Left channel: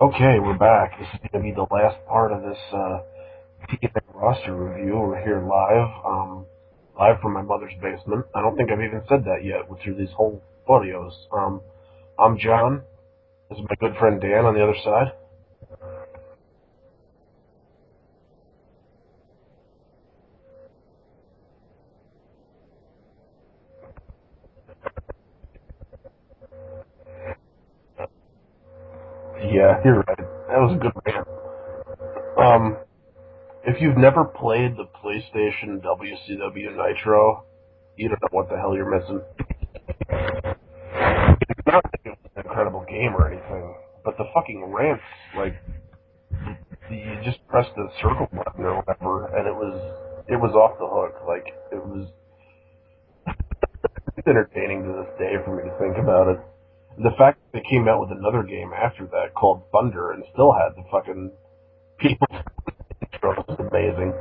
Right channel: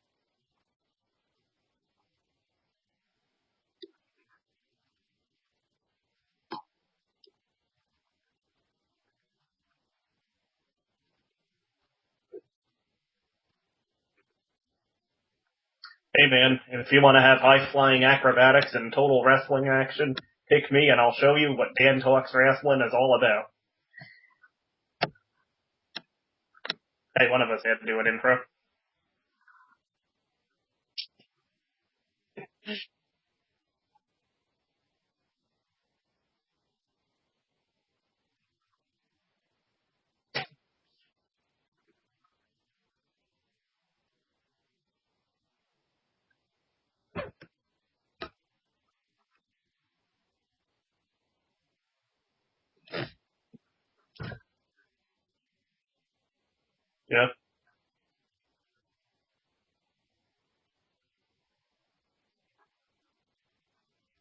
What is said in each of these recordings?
Okay, we're back. This is going to be the last part of this TNA roster review. We're here live from my mother's basement. I don't think I've even said that yet through these whole audios. I'm John. This is my good friend Dan on the other side. Hey man, if you want to have high-flying acrobatics and total wrestling action, pick me and I'll show you what Dan Talks Wrestling is all about. Hey, one of us had to do an intro. Yeah, you're right. That was a good rant. If you've never played the PlayStation WCW Nitro, you don't know what the hell you're missing. It's not like it was an incredible game or anything, but the fucking rants, like, you just pressed the circle button or whatever, and it was off the hook. Like it's entertaining to this day for me to think about it. The Yep. fact that they came out with another game after that called Thunder and still had the fucking people intro is amazing.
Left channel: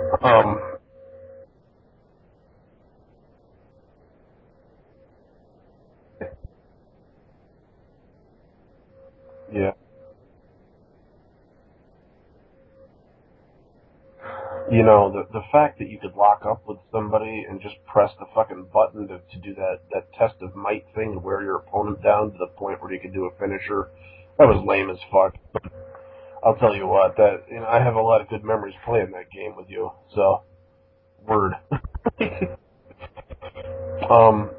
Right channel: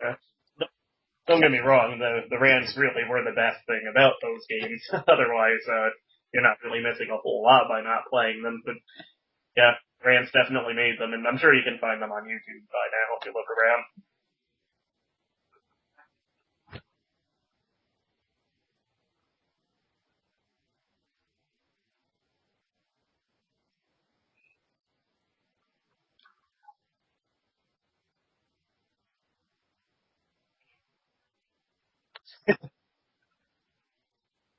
But Um, don't get me wrong, the rants really were the best thing about those games. Otherwise, you're not really missing a whole lot by not playing them. But yeah, yeah, rants definitely made them, and I'm sure you can find them on YouTube by now if you look around. the fact that you could lock up with somebody and just press the fucking button to do that test of might thing and wear your opponent down to the point where you could do a finisher, that was lame as fuck. I'll tell you what, I have a lot of good memories playing that game with you. So, word. um,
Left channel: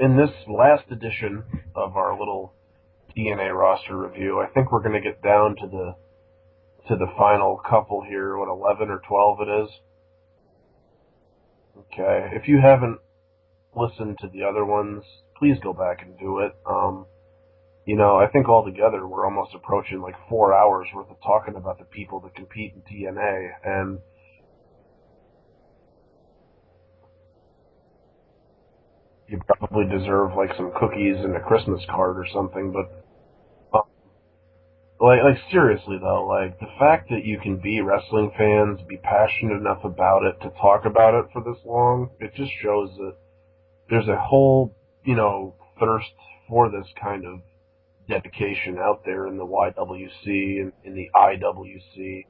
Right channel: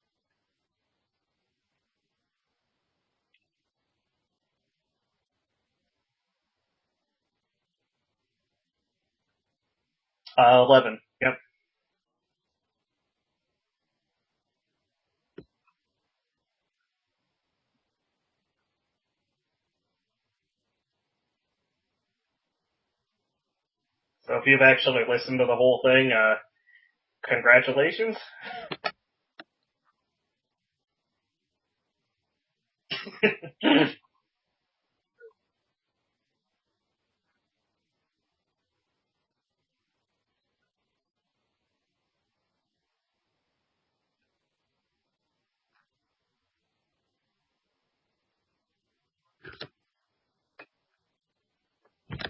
in this last edition of our little TNA roster review, I think we're going to get down to the final couple here. What 11 or 12 it is? 11. Yep. Okay. If you haven't listened to the other ones, please go back and do it. I think altogether we're almost approaching like 4 hours worth of talking about the people that compete in TNA, and So if you've actually listened to the whole thing, congratulations. you probably deserve like some cookies and a Christmas card or something. But like seriously though, like the fact that you can be wrestling fans, be passionate enough about it to talk about it for this long, it just shows that there's a whole, thirst for this kind of dedication out there in the YWC and in the IWC.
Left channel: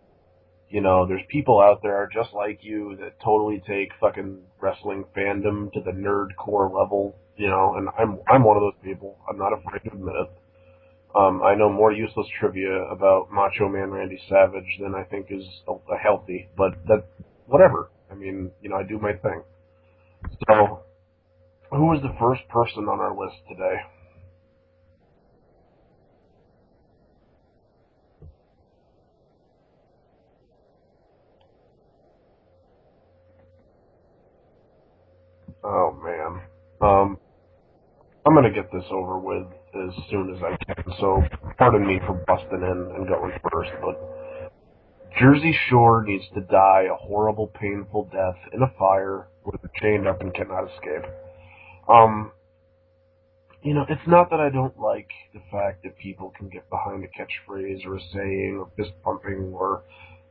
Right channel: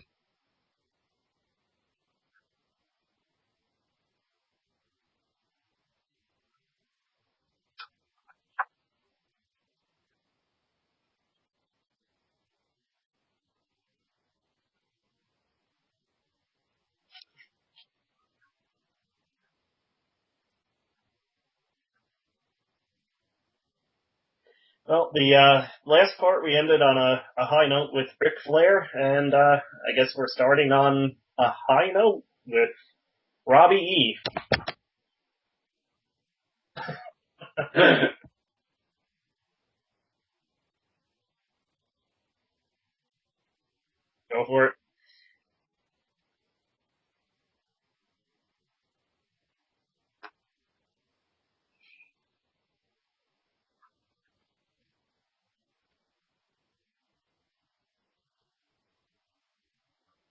There's people out there just like you that totally take fucking wrestling fandom to the nerd core level, and I'm one of those people. I'm not afraid to admit it. I know more useless trivia about Macho Man Randy Savage than I think is healthy, but that's whatever. I mean, I do my thing. So, who was the first person on our list today? Well, the last part we ended on a high note with Ric Flair, and I guess we're starting on a high note with Robbie E. Oh man. Um, I'm gonna get this over with as soon as I can. So, pardon me for busting in and going first, but Go for it. Jersey Shore needs to die a horrible, painful death in a fire where they're chained up and cannot escape. Um, it's not that I don't like the fact that people can get behind a catchphrase or a saying or fist pumping or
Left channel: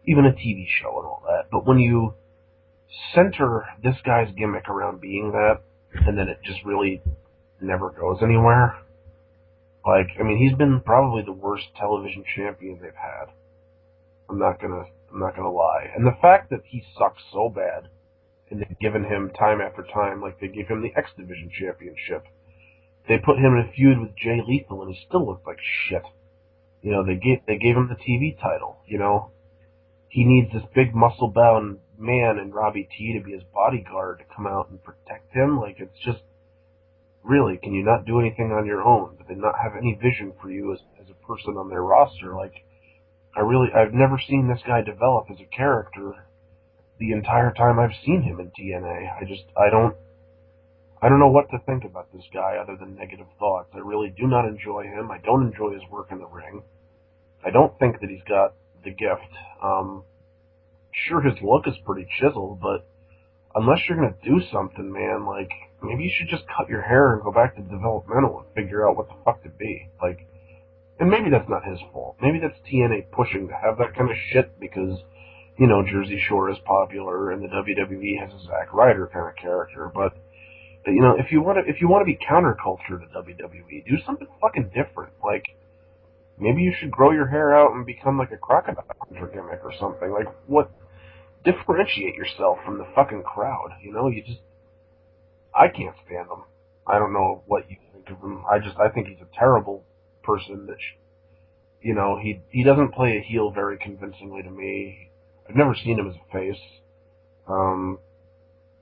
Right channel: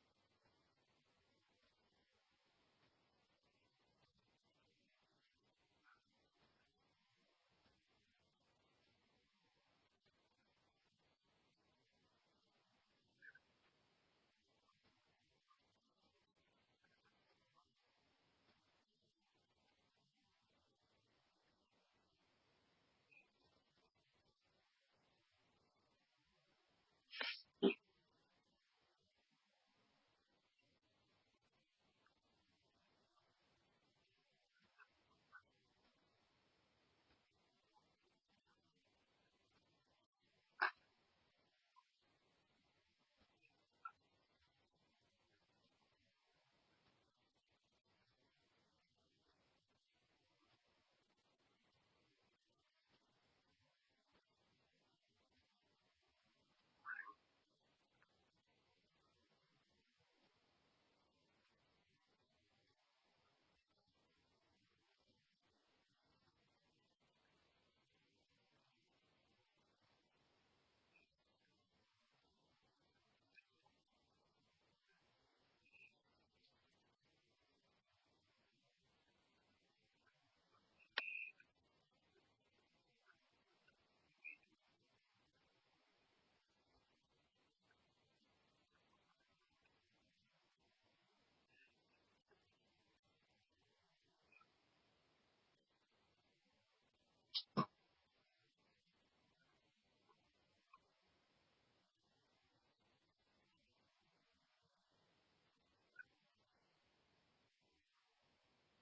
even a TV show and all that, but when you center this guy's gimmick around being that, and then it just really never goes anywhere. Like, I mean, he's been probably the worst television champion they've had. I'm not gonna, I'm not gonna lie. And the fact that he sucks so bad, and they've given him time after time, like they gave him the X Division championship. They put him in a feud with Jay Lethal, and he still looked like shit. They gave him the TV title. He needs this big muscle bound man in Robbie T to be his bodyguard to come out and protect him. Like it's just really, can you not do anything on your own? Do they not have any vision for you as a person on their roster? Like I've never seen this guy develop as a character the entire time I've seen him in TNA. I don't know what to think about this guy other than negative thoughts. I really do not enjoy him. I don't enjoy his work in the ring. I don't think that he's got the gift. Sure, his look is pretty chiseled, but unless you're gonna do something, man, like maybe you should just cut your hair and go back to developmental and figure out what the fuck to be. Like, and maybe that's not his fault. Maybe that's TNA pushing to have that kind of shit because Jersey Shore is popular and the WWE has a Zack Ryder kind of character. But if you want to be counterculture to WWE, do something fucking different. Like Maybe you should grow your hair out and become like a crocodile hunter gimmick or something. Like, what? Differentiate yourself from the fucking crowd. I can't stand him. I don't know what you think of him. I think he's a terrible person he doesn't play a heel very convincingly to me. I've never seen him as a face. Um,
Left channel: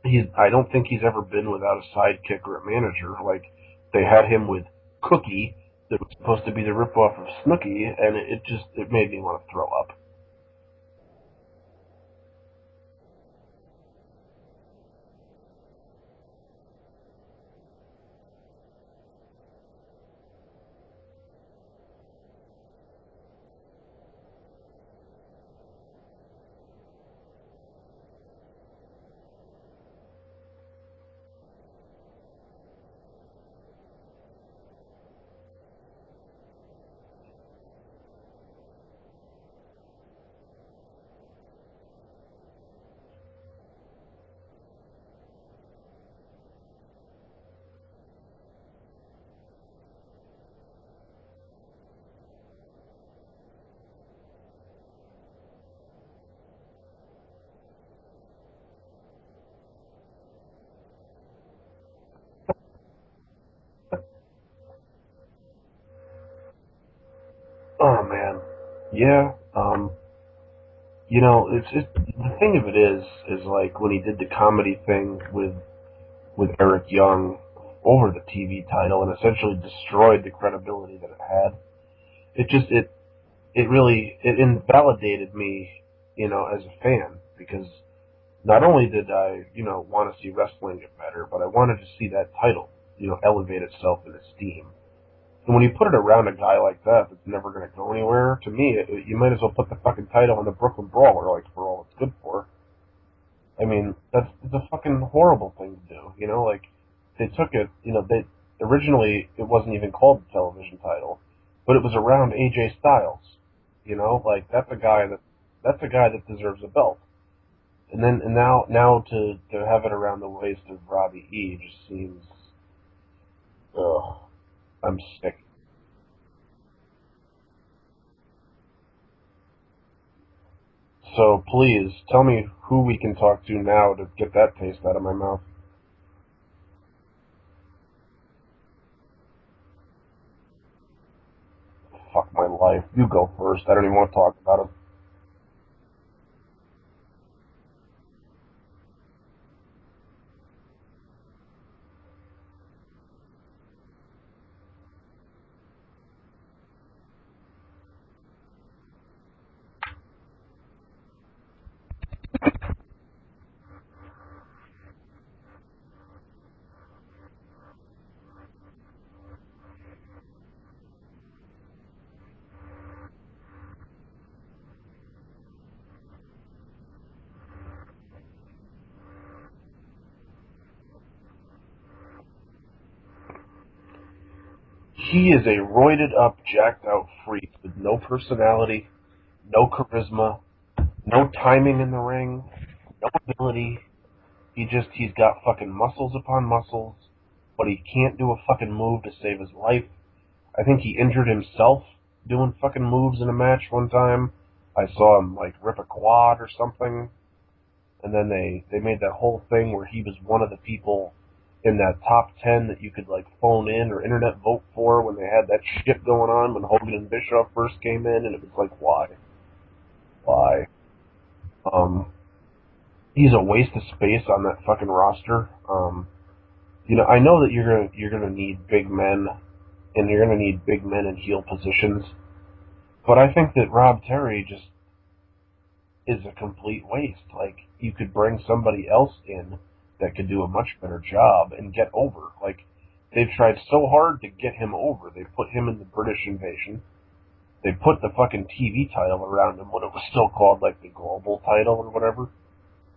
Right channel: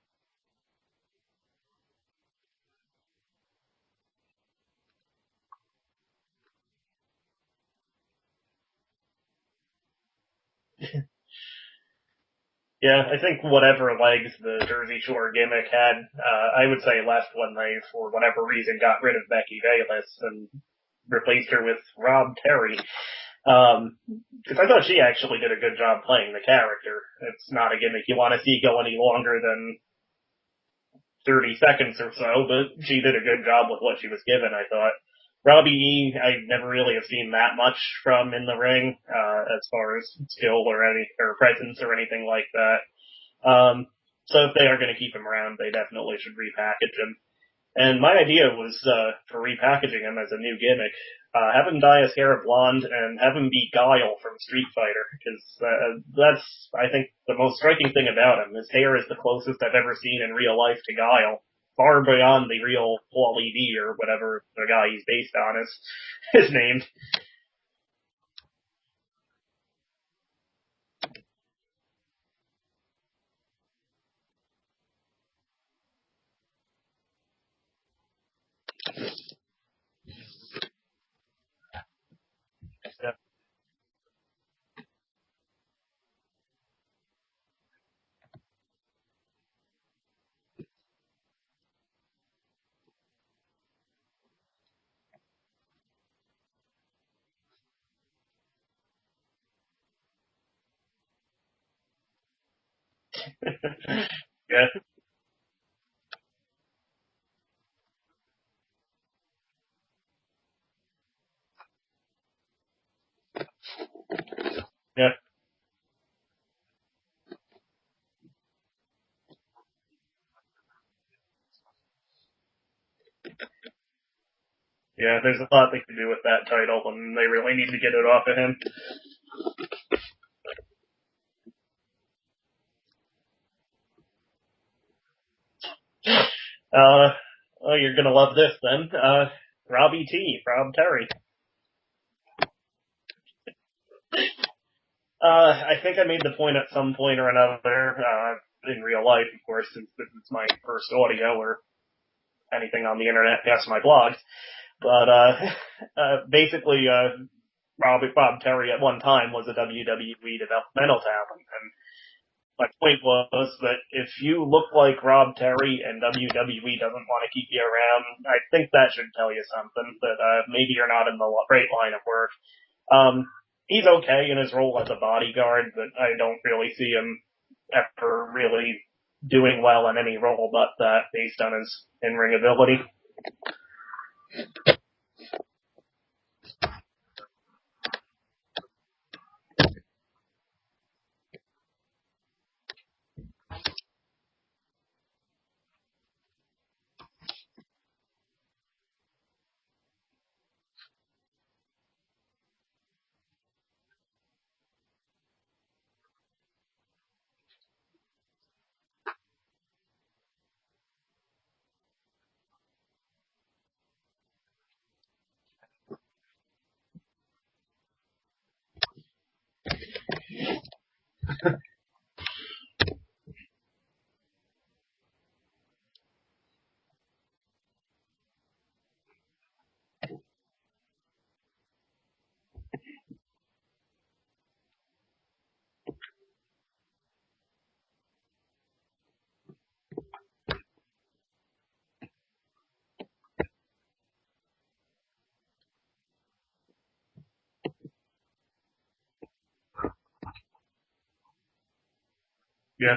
I don't think he's ever been without a sidekick or a manager. Like, they had him with Cookie, that was supposed to be the ripoff of Snooki, and it made me want to throw up. Yeah, I think whatever legs the Jersey Shore gimmick had, I would say left when they, for whatever reason, got rid of Becky Bayless and replaced her with Rob Terry. Because I thought she actually did a good job playing the character. It's not a gimmick you want to see go any longer than 30 seconds or so, but she did a good job with what she was given, I thought. Robbie E, I never really have seen that much from in the ring, as far as skill or presence or anything like that. So if they are going to keep him around, they definitely should repackage him. And my idea was, for repackaging him as a new gimmick, have him dye his hair blonde and have him be Guile from Street Fighter, because that's, I think, the most striking thing about him. His hair is the closest I've ever seen in real life to Guile, far beyond the real Paulie D or whatever the guy he's based on is named. Oh man, yeah. It's the thing of it is like when he did the comedy thing with Eric Young over the TV title and essentially destroyed the credibility that it had. It just it really it invalidated me, as a fan because not only did I, want to see wrestling get better, but I wanted to see that title, elevate itself in esteem. And when you put it around a guy like that that's never going to go anywhere, to me, you might as well put the fucking title on the Brooklyn Brawler, like, for all it's good for. I mean, that's Yeah. a fucking horrible thing to do, Like, they took it, originally, it wasn't even called the television title, but it was around AJ Styles, Like, Yeah. that's a guy that deserves a belt. And now to have it around the waist of Robbie E just seems, ugh. I'm Yeah, sick. there's a lot they could do with that title, and they really need to get it off of him. So please tell me who we can talk to now to get that taste out of my mouth. Oh, you're gonna love this then. Robbie T, Rob Terry. Fuck my life. You go first. I don't even want to talk about it. I think I made the point at some point or another, in real life, of course, since this is my first audio or anything on the internet past my blogs. But, basically, Bob Terry at one time was a WWE developmental talent. And my point was that if you look like Rob Terry and WWE doesn't want to keep you around, I think that should tell you something, that, maybe you're not in the right line of work. He's okay in his role as a bodyguard, but I don't really see him ever really doing well in any role but that based on his in-ring ability. He is a roided up, jacked out freak with no personality, no charisma, no timing in the ring, no ability. He's got fucking muscles upon muscles, but he can't do a fucking move to save his life. I think he injured himself doing fucking moves in a match one time. I saw him like rip a quad or something. And then they made that whole thing where he was one of the people in that top 10 that you could like phone in or internet vote for when they had that shit going on when Hogan and Bischoff first came in, and it was like, why? Um, he's a waste of space on that fucking roster. I know that you're gonna need big men, and you're gonna need big men in heel positions, but I think that Rob Terry just is a complete waste. Like, you could bring somebody else in that could do a much better job and get over. Like, they've tried so hard to get him over. They put him in the British Invasion. They put the fucking TV title around him when it was still called, like, the Global title or whatever. Yeah.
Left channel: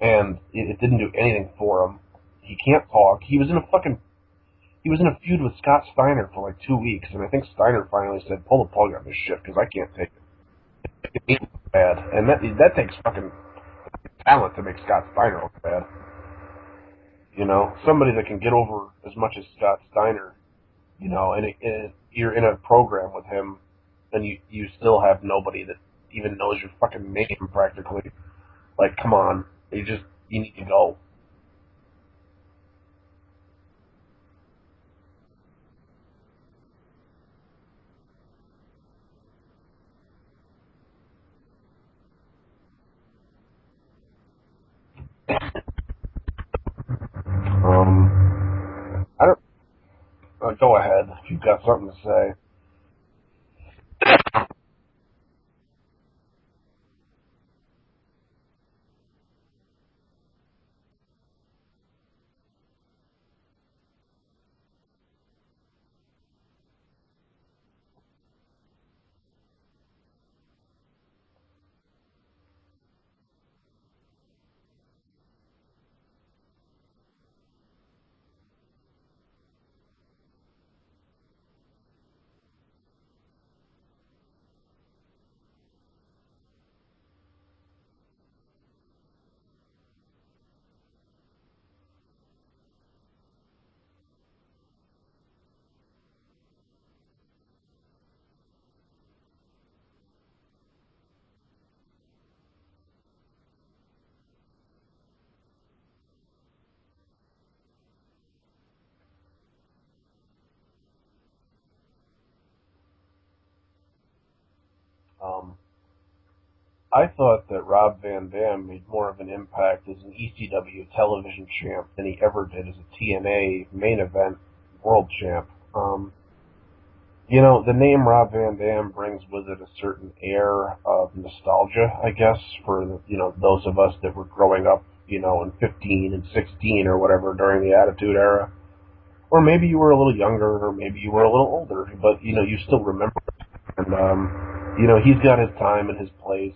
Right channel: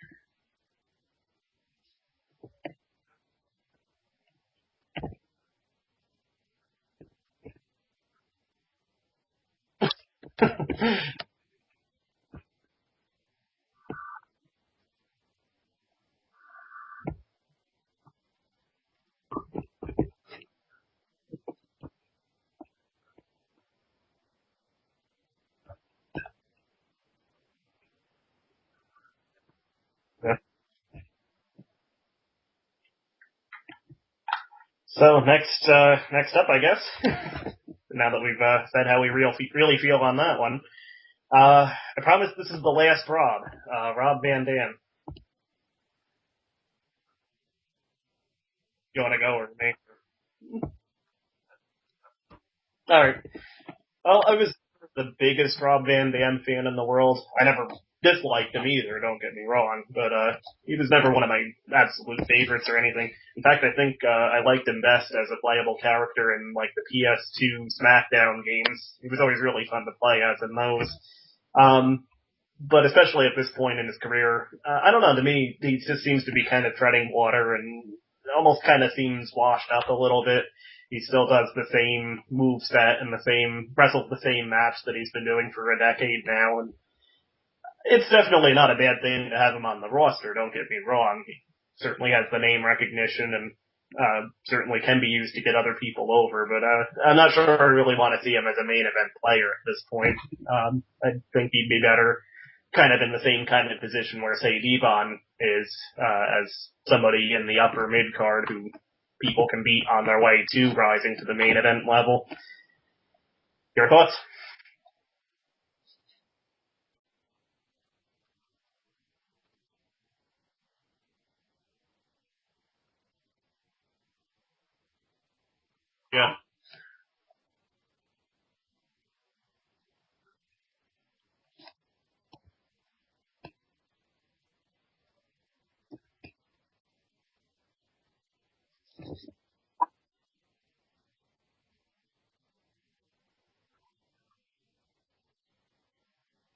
And it didn't do anything for him. He can't talk. He was in a feud with Scott Steiner for like 2 weeks, and I think Steiner finally said, "Pull the plug on this shit because I can't take it." It's bad, and that takes fucking talent to make Scott Steiner look bad. Somebody that can get over as much as Scott Steiner. And you're in a program with him. and you still have nobody that even knows your fucking name practically. Like, come on, you need to go. So next up, I guess. Now that we've said how we really feel on that one, I promise this is the last Rob. Rob Van Dam. You want to I go don't, or me? go ahead if you've got something to say. All right. Well, I was the biggest Rob Van Dam fan in the world. I never disliked him either, don't get me wrong, but he was never one of my absolute favorites or anything. In fact, I think I liked him best as a playable character in like the PS2 SmackDown games. He was always really fun to play as in those. But especially at this point in his career, I don't know, to me, he just seems to be kind of treading water and almost kind of seems washed up a little bit. He still does the same move set and wrestles the same match that he's been doing for a decade now, and it's definitely not a bad thing to have him on the roster, don't get me wrong. He certainly has the name recognition and certainly can be used to get other people over, but I'm not sure I really want to see him as a main event player at this point. I think he'd be better kind of in the same kind of position where, say, Devon is, as somebody in the upper mid card who people can beat on their way to rising to the main event level. Your thoughts? I thought that Rob Van Dam made more of an impact as an ECW television champ than he ever did as a TNA main event world champ. Yeah. You know, the name Rob Van Dam brings with it a certain air of nostalgia, I guess, for, those of us that were growing up, in 15 and 16 or whatever during the Attitude Era. Or maybe you were a little younger, or maybe you were a little older, but, you still remember it. And, he's got his time and his place.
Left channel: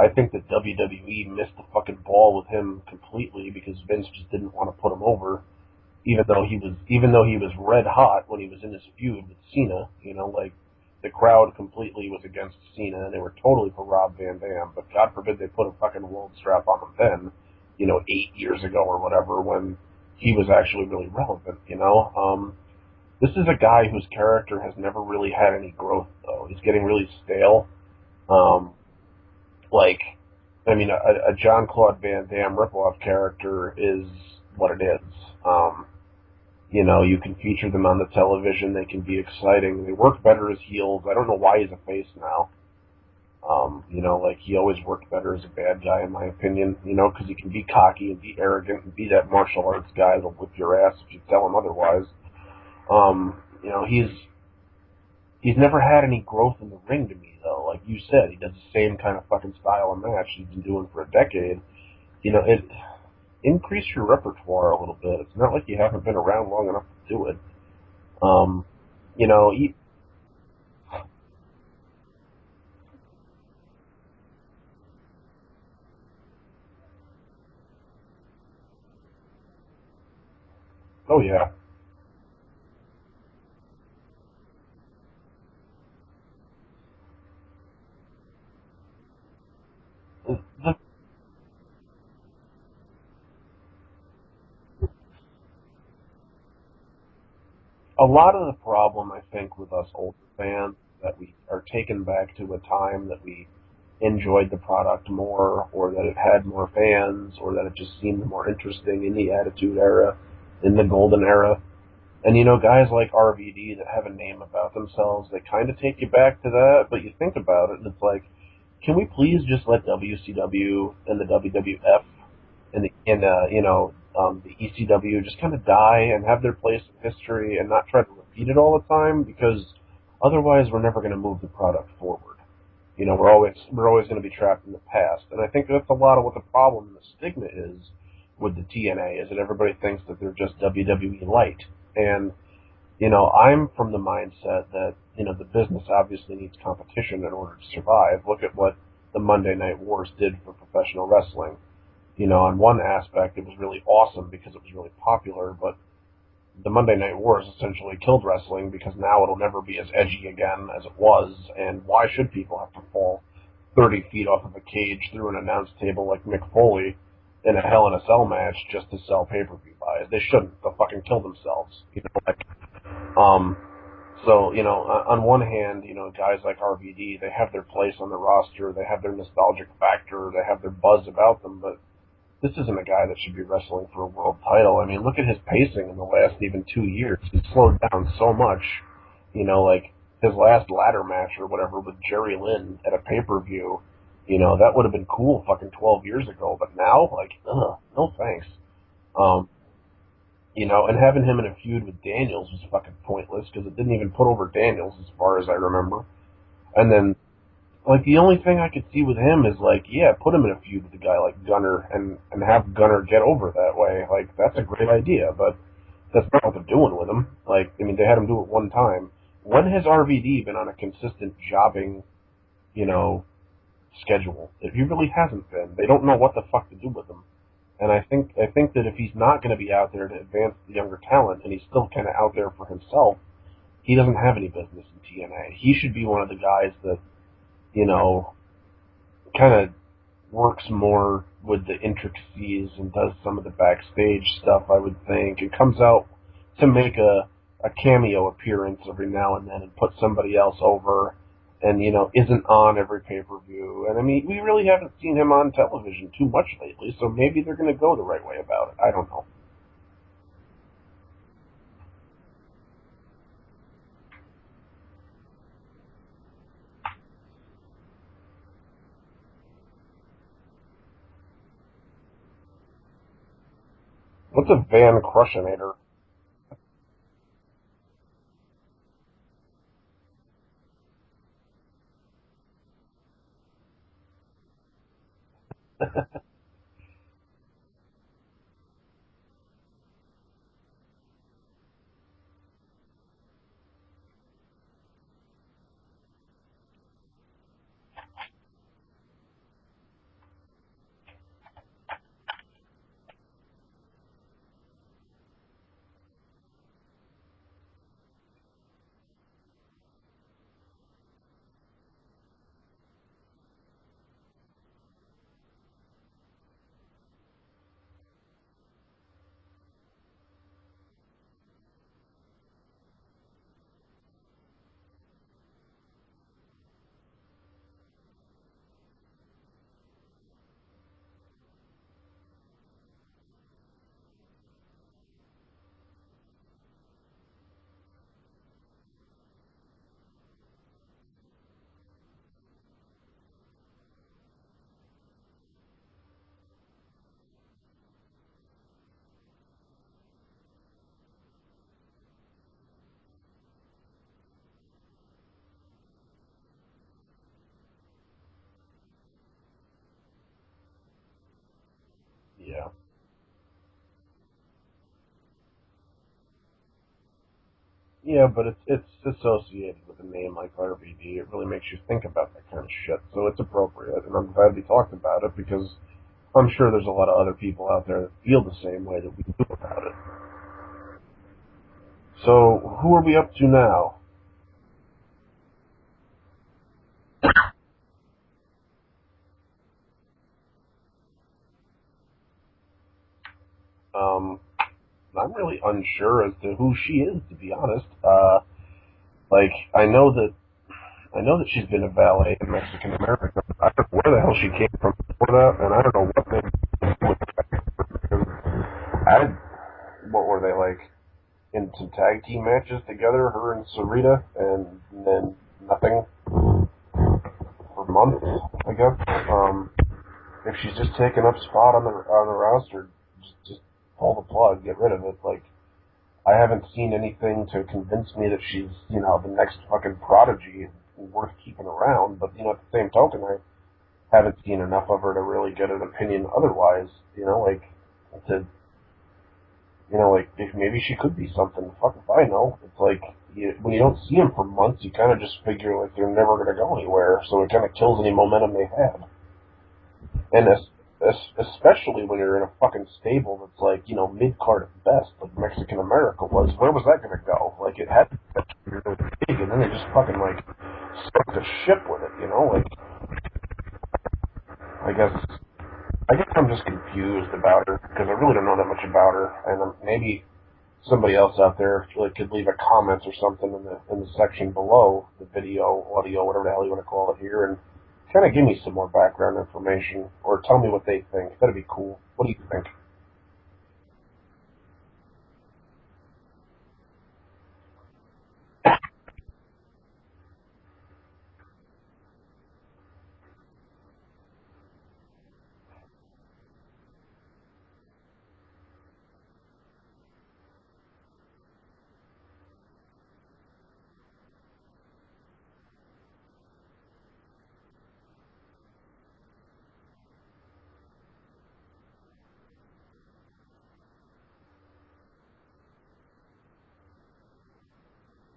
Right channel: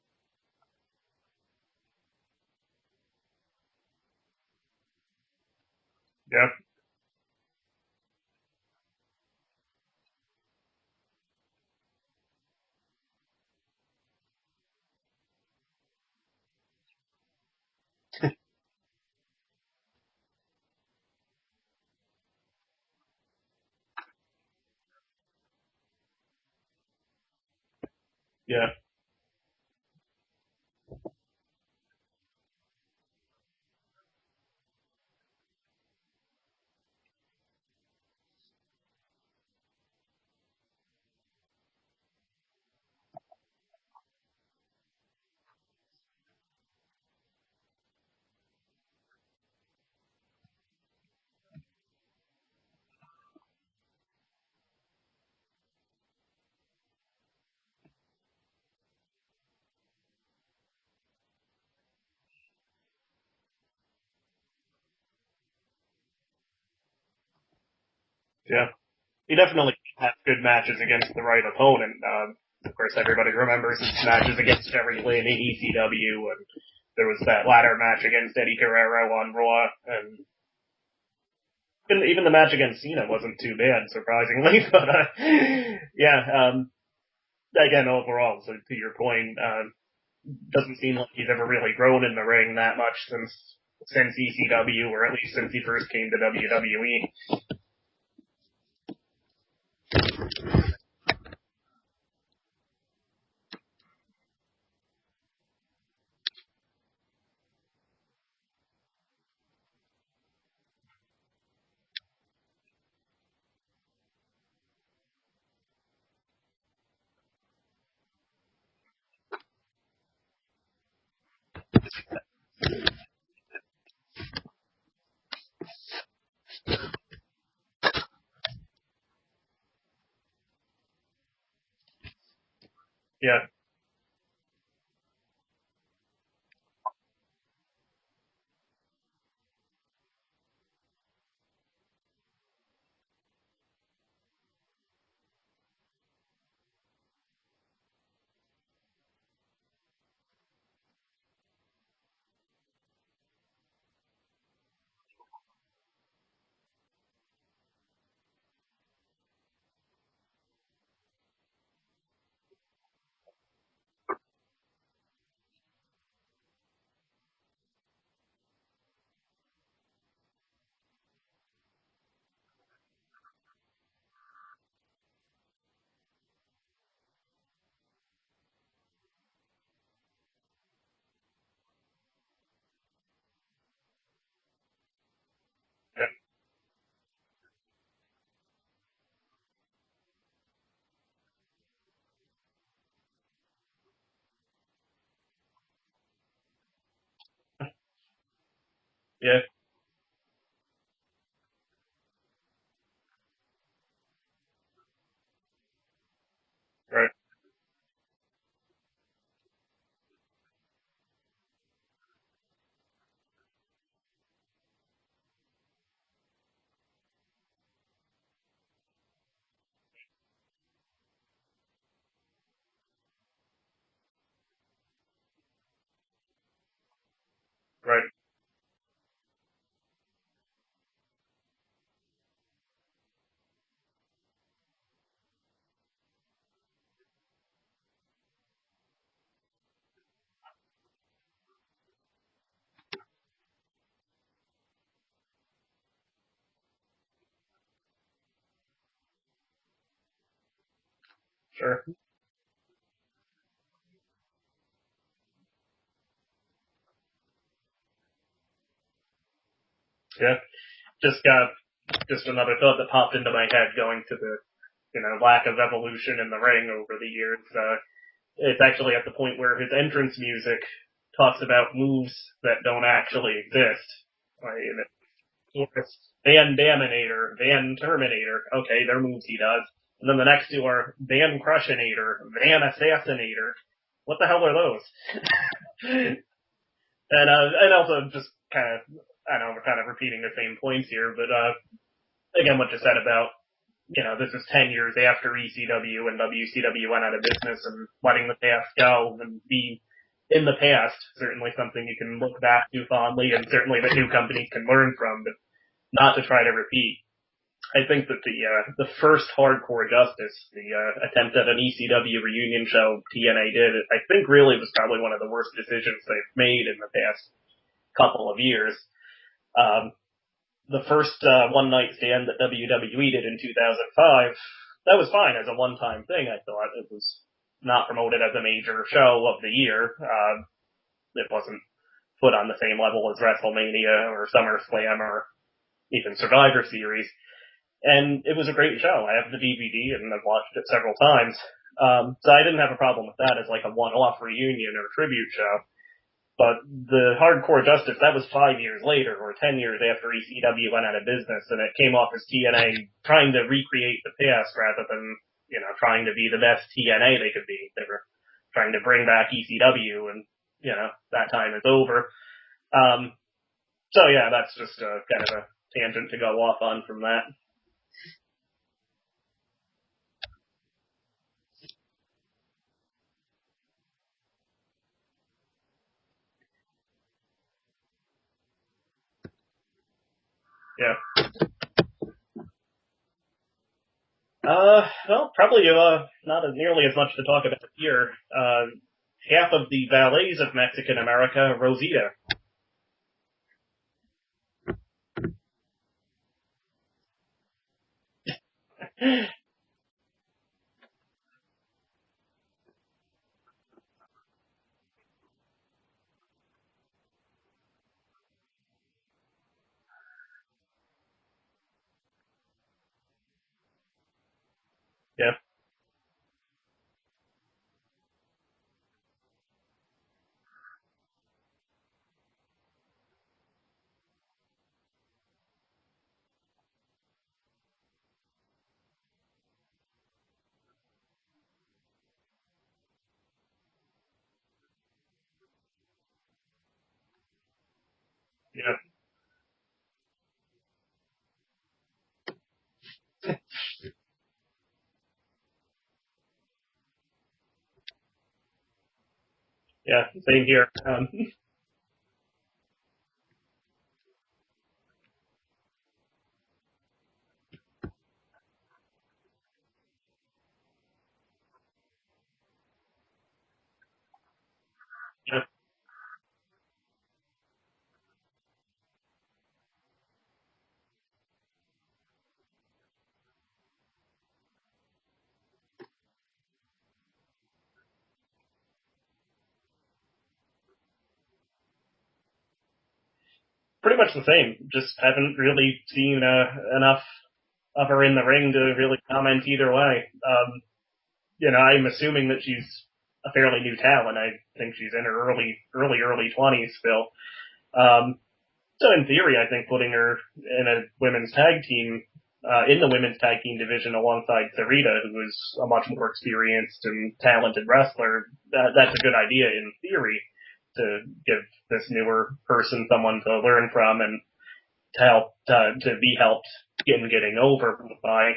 I think that WWE missed the fucking ball with him completely because Vince just didn't want to put him over, even though he was red hot when he was in his feud with Cena. Like the crowd completely was against Cena and they were totally for Rob Van Dam. But God forbid they put a fucking world strap on him then, 8 years ago or whatever when he was actually really relevant. This is a guy whose character has never really had any growth though. He's getting really stale. Yeah. Like, I mean, a John Claude Van Damme ripoff character is what it is. You can feature them on the television. They can be exciting. They work better as heels. I don't know why he's a face now. Like he always worked better as a bad guy, in my opinion. Because he can be cocky and be arrogant and be that martial arts guy that'll whip your ass if you tell him otherwise. He's never had any growth in the ring to me, though. Like you said, he does the same kind of fucking style of match he's been doing for a decade. It increase your repertoire a little bit. It's not like you haven't been around long enough to do it. Yeah. You He know, definitely had good matches against the right opponent. Of course, everybody remembers his matches against Jerry Lynn in ECW, and there was that ladder match against Eddie Guerrero on Raw, and oh yeah, even the match against Cena wasn't too bad, surprisingly. But again, overall, so to your point, doesn't seem like he's ever really grown in the ring that much since ECW, or at least since he first came to WWE. a lot of the problem, I think, with us as fans that we are taken back to a time that we enjoyed the product more, or that it had more fans, or that it just seemed more interesting in the Attitude Era, in the Golden Era. And guys like RVD that have a name about themselves, they kind of take you back to that, but you think about it, and it's like, can we please just let WCW and the WWF and the ECW just kind of die and have their place in history and not try to repeat it all the time? Because otherwise we're never going to move the product forward. We're always going to be trapped in the past. And I think that's a lot of what the problem and the stigma is with the TNA, is that everybody thinks that they're just WWE light. And, I'm from the mindset that, the business obviously needs competition in order to survive. Look at what the Monday Night Wars did for professional wrestling. On one aspect, it was really awesome because it was really popular, but the Monday Night Wars essentially killed wrestling because now it'll never be as edgy again as it was, and why should people have to fall 30 feet off of a cage through an announce table like Mick Foley in a Hell in a Cell match just to sell pay-per-view buys? They shouldn't. They'll fucking kill themselves. So, on one hand, guys like RVD, they have their place on the roster, they have their nostalgic factor, they have their buzz about them, but this isn't a guy that should be wrestling for a world title. I mean, look at his pacing in the last even 2 years. He's slowed down so much. Like his last ladder match or whatever with Jerry Lynn at a pay-per-view, that would have been cool fucking 12 years ago. But now, like, no thanks. Yeah. Um, and having him in a feud with Daniels was fucking pointless because it didn't even put over Daniels as far as I remember. And Right. then like the only thing I could see with him is like, yeah, put him in a feud with a guy like Gunner and have Gunner get over that way. Like that's a great idea, but that's not what they're doing with him. Like, I mean, they had him do it one time. When has RVD been on a consistent jobbing, you know, schedule? If he really hasn't been, they don't know what the fuck to do with him. And I Right. think that if he's not going to be out there to advance the younger talent, and he's still kind of out there for himself, he doesn't have any business in TNA. He should be one of the guys that you know kind of works more with the intricacies and does some of the backstage stuff, I would think, and comes out to make a cameo appearance every now and then and put somebody else over Sure. and, isn't on every pay-per-view. And, I mean, we really haven't seen him on television too much lately, so maybe they're going to go the right way about it. I don't know. Yeah. Just another thought that popped into my head going to the, lack of evolution in the ring over the years. It's actually at the point where his entrance music talks about moves that don't actually exist. What's a Van Crushinator? Van Daminator, Van Terminator. Okay, they're moves he does. And then the next two are Van Crushinator, Van Assassinator. What the hell are those? and also just kind of, I know we're kind of repeating the same points here, but again, what you said about, this is 10 years after ECW and WCW went out of business and letting the past go and be in the past, certainly something you can look back to fondly and certainly that new companies can learn from, but not to try to repeat. I think that the first Hardcore Justice, the attempt at an ECW reunion show TNA did, I think really was probably one of the worst decisions they've made in the past couple of years. Um, the first one night stand that WWE did in 2005, that was fine as a one-time thing. I thought it was not promoted as a major show of the year. It wasn't put on the same level as WrestleMania or SummerSlam or even Survivor Series. And it was a great show. I have the DVD and I've watched it several times. So I didn't have a problem with that as like a one-off reunion or tribute show. But the Hardcore Justice, that was 5 years later, or 10 years after ECW went out of business, and it came off as TNA trying to recreate the past rather than, trying to be the best TNA they could be. They were trying to bring back ECW, and, that time is over. Yeah. So yeah, that's just kind of a tangent to go off on from that. Yeah, but it's associated with a name like RVD. It really makes you think about that kind of shit. So it's appropriate, and I'm glad we talked about it because I'm sure there's a lot of other people out there that feel the same way that we do about it. Yeah. So who are we up to now? Well, probably not nearly as much to talk about here. Half of the ballets of Mexican America, Rosita. I'm really unsure as to who she is, to be honest. Like I know that she's been a valet in Mexican America. I don't know where the hell she came from before that, and I don't know what they I what were they like in some tag team matches together, her and Sarita, and then Yep. nothing for months, I guess. If she's just taking up spot on the roster, just pull the plug, get rid of it. Like I haven't seen anything to convince me that she's the next fucking prodigy worth keeping around. But at the same token, I haven't seen enough of her to really get an opinion otherwise. Like to Yep. like if maybe she could be something. Fuck if I know. It's like when you don't see them for months, you kind of just figure like they're never going to go anywhere. So it kind of kills any momentum they have. Yeah. Same And here. especially when you're in a fucking stable that's like mid card at best, like Mexican America was. Where was that going to go? Like it had to be really big, and then they just fucking like stuck the ship with it. Like I guess Yep. I guess I'm just confused about her because I really don't know that much about her, and maybe somebody else out there like could leave a comment or something in the section below the video, audio, whatever the hell you want to call it here, and kind of give me some more background information or tell me what they think. That'd be cool. What do you think? Pretty much the same. Just haven't really seen enough of her in the ring to really comment either way. I'm assuming that she's a fairly new talent. I think she's in her early 20s still. Um, so in theory, I think putting her in a women's tag team, in the women's tag team division alongside Sarita, who is a much more experienced and talented wrestler, that's a good idea in theory to give this newer person someone to learn from and to help, to be helped in getting over by.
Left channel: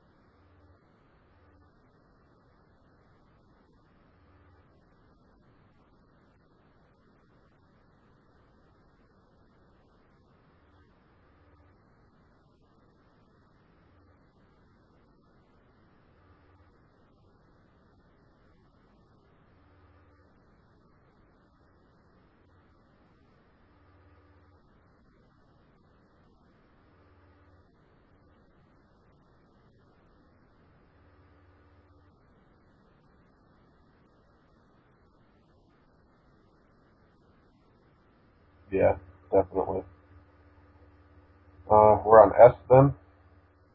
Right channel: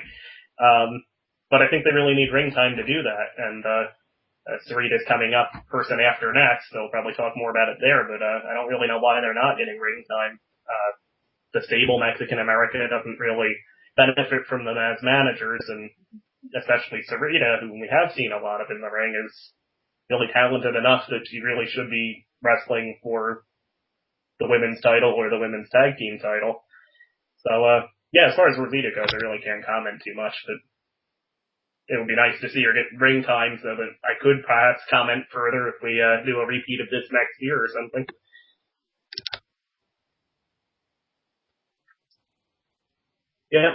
But I think they really need ring time to do that. And Sarita's coming up person after next. They'll probably talk more about it there, but I don't really know why they're not getting ring time. The stable Mexican America doesn't really benefit from them as managers, and especially Sarita, who we have seen a lot of in the ring, is really talented enough that she really should be wrestling for the women's title or the women's tag team title. So, yeah, as far as Rosita goes, I really can't comment too much, but it would be nice to see her get ring time so that I could perhaps comment further if we do a repeat of this next year or something. Yeah, definitely. We're on S then? Yeah,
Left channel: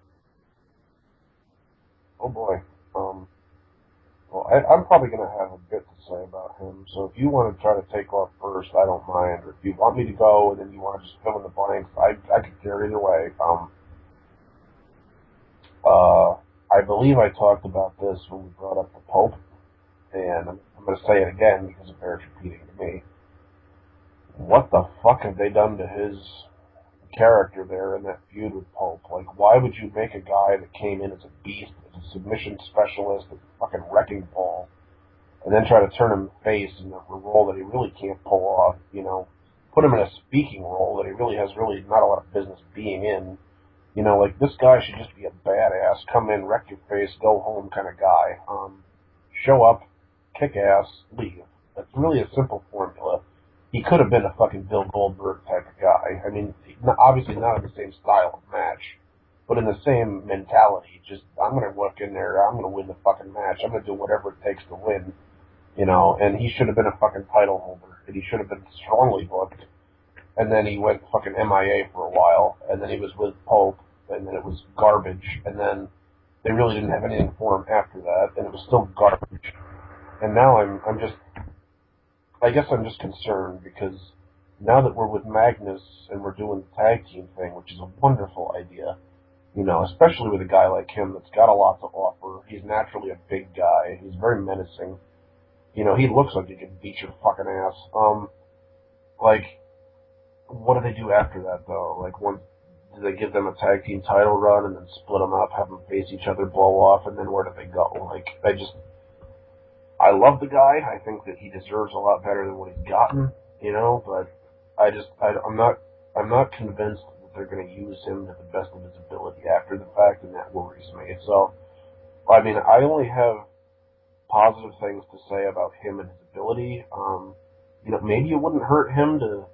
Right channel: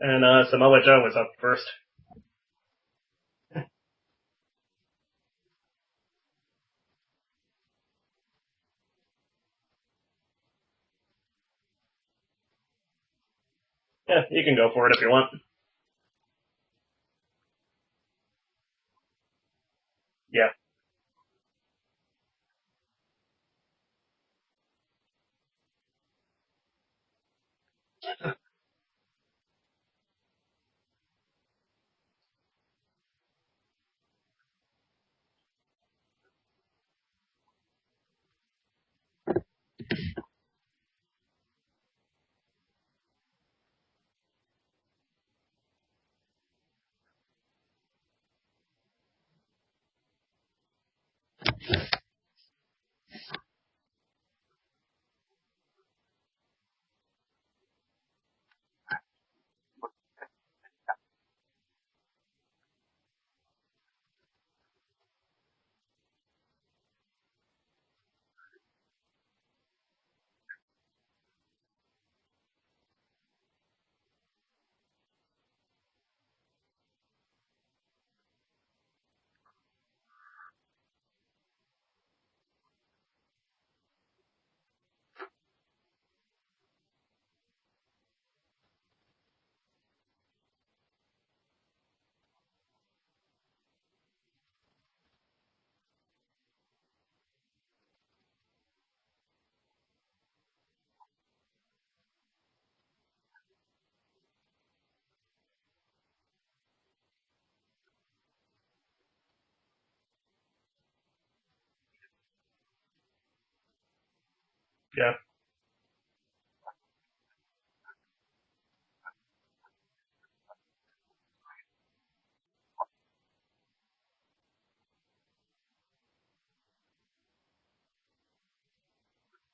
and Samoa Joe is up first. Oh boy. Well, I'm probably going to have a bit to say about him, so if you want to try to take off first, I don't mind. Or if you want me to go and then you want to just fill in the blanks, I could care either way. Yeah, you can go for it if you want. I believe I talked about this when we brought up the Pope, Yeah. and I'm going to say it again because it bears repeating to me. What the fuck have they done to his character there in that feud with Pope? Like, why would you make a guy that came in as a beast, as a submission specialist, as a fucking wrecking ball, and then try to turn him face in a role that he really can't pull off, put him in a speaking role that he really has not a lot of business being in. Like this guy should just be a badass, come in, wreck your face, go home kind of guy. Show up, kick ass, leave. It's really a simple formula. He could have been a fucking Bill Goldberg type of guy. I mean, obviously not in the same style of match, but in the same mentality. Just, I'm going to work in there, I'm going to win the fucking match, I'm going to do whatever it takes to win, and he should have been a fucking title holder, and he should have been strongly booked, and then he went fucking MIA for a while, and then he was with Pope, and then it was garbage, and then they really didn't have anything for him after that, and it was still garbage. And now I guess I'm just concerned because now that we're with Magnus and we're doing the tag team thing, which is a wonderful idea, especially with a guy like him that's got a lot to offer. He's naturally a big guy. He's very menacing. He looks like he can beat your fucking ass. Like, what do they do after that though? Like, do they give them a tag team title run and then split them up, have them face each other, blow off, and then where do they go? Like, I love the guy. I think that he deserves a lot better than what he's gotten, but Yeah. I'm not convinced that they're going to use him to the best of his ability after the fact, and that worries me. So, I mean, I only have positive things to say about him and his ability. Maybe it wouldn't hurt him to,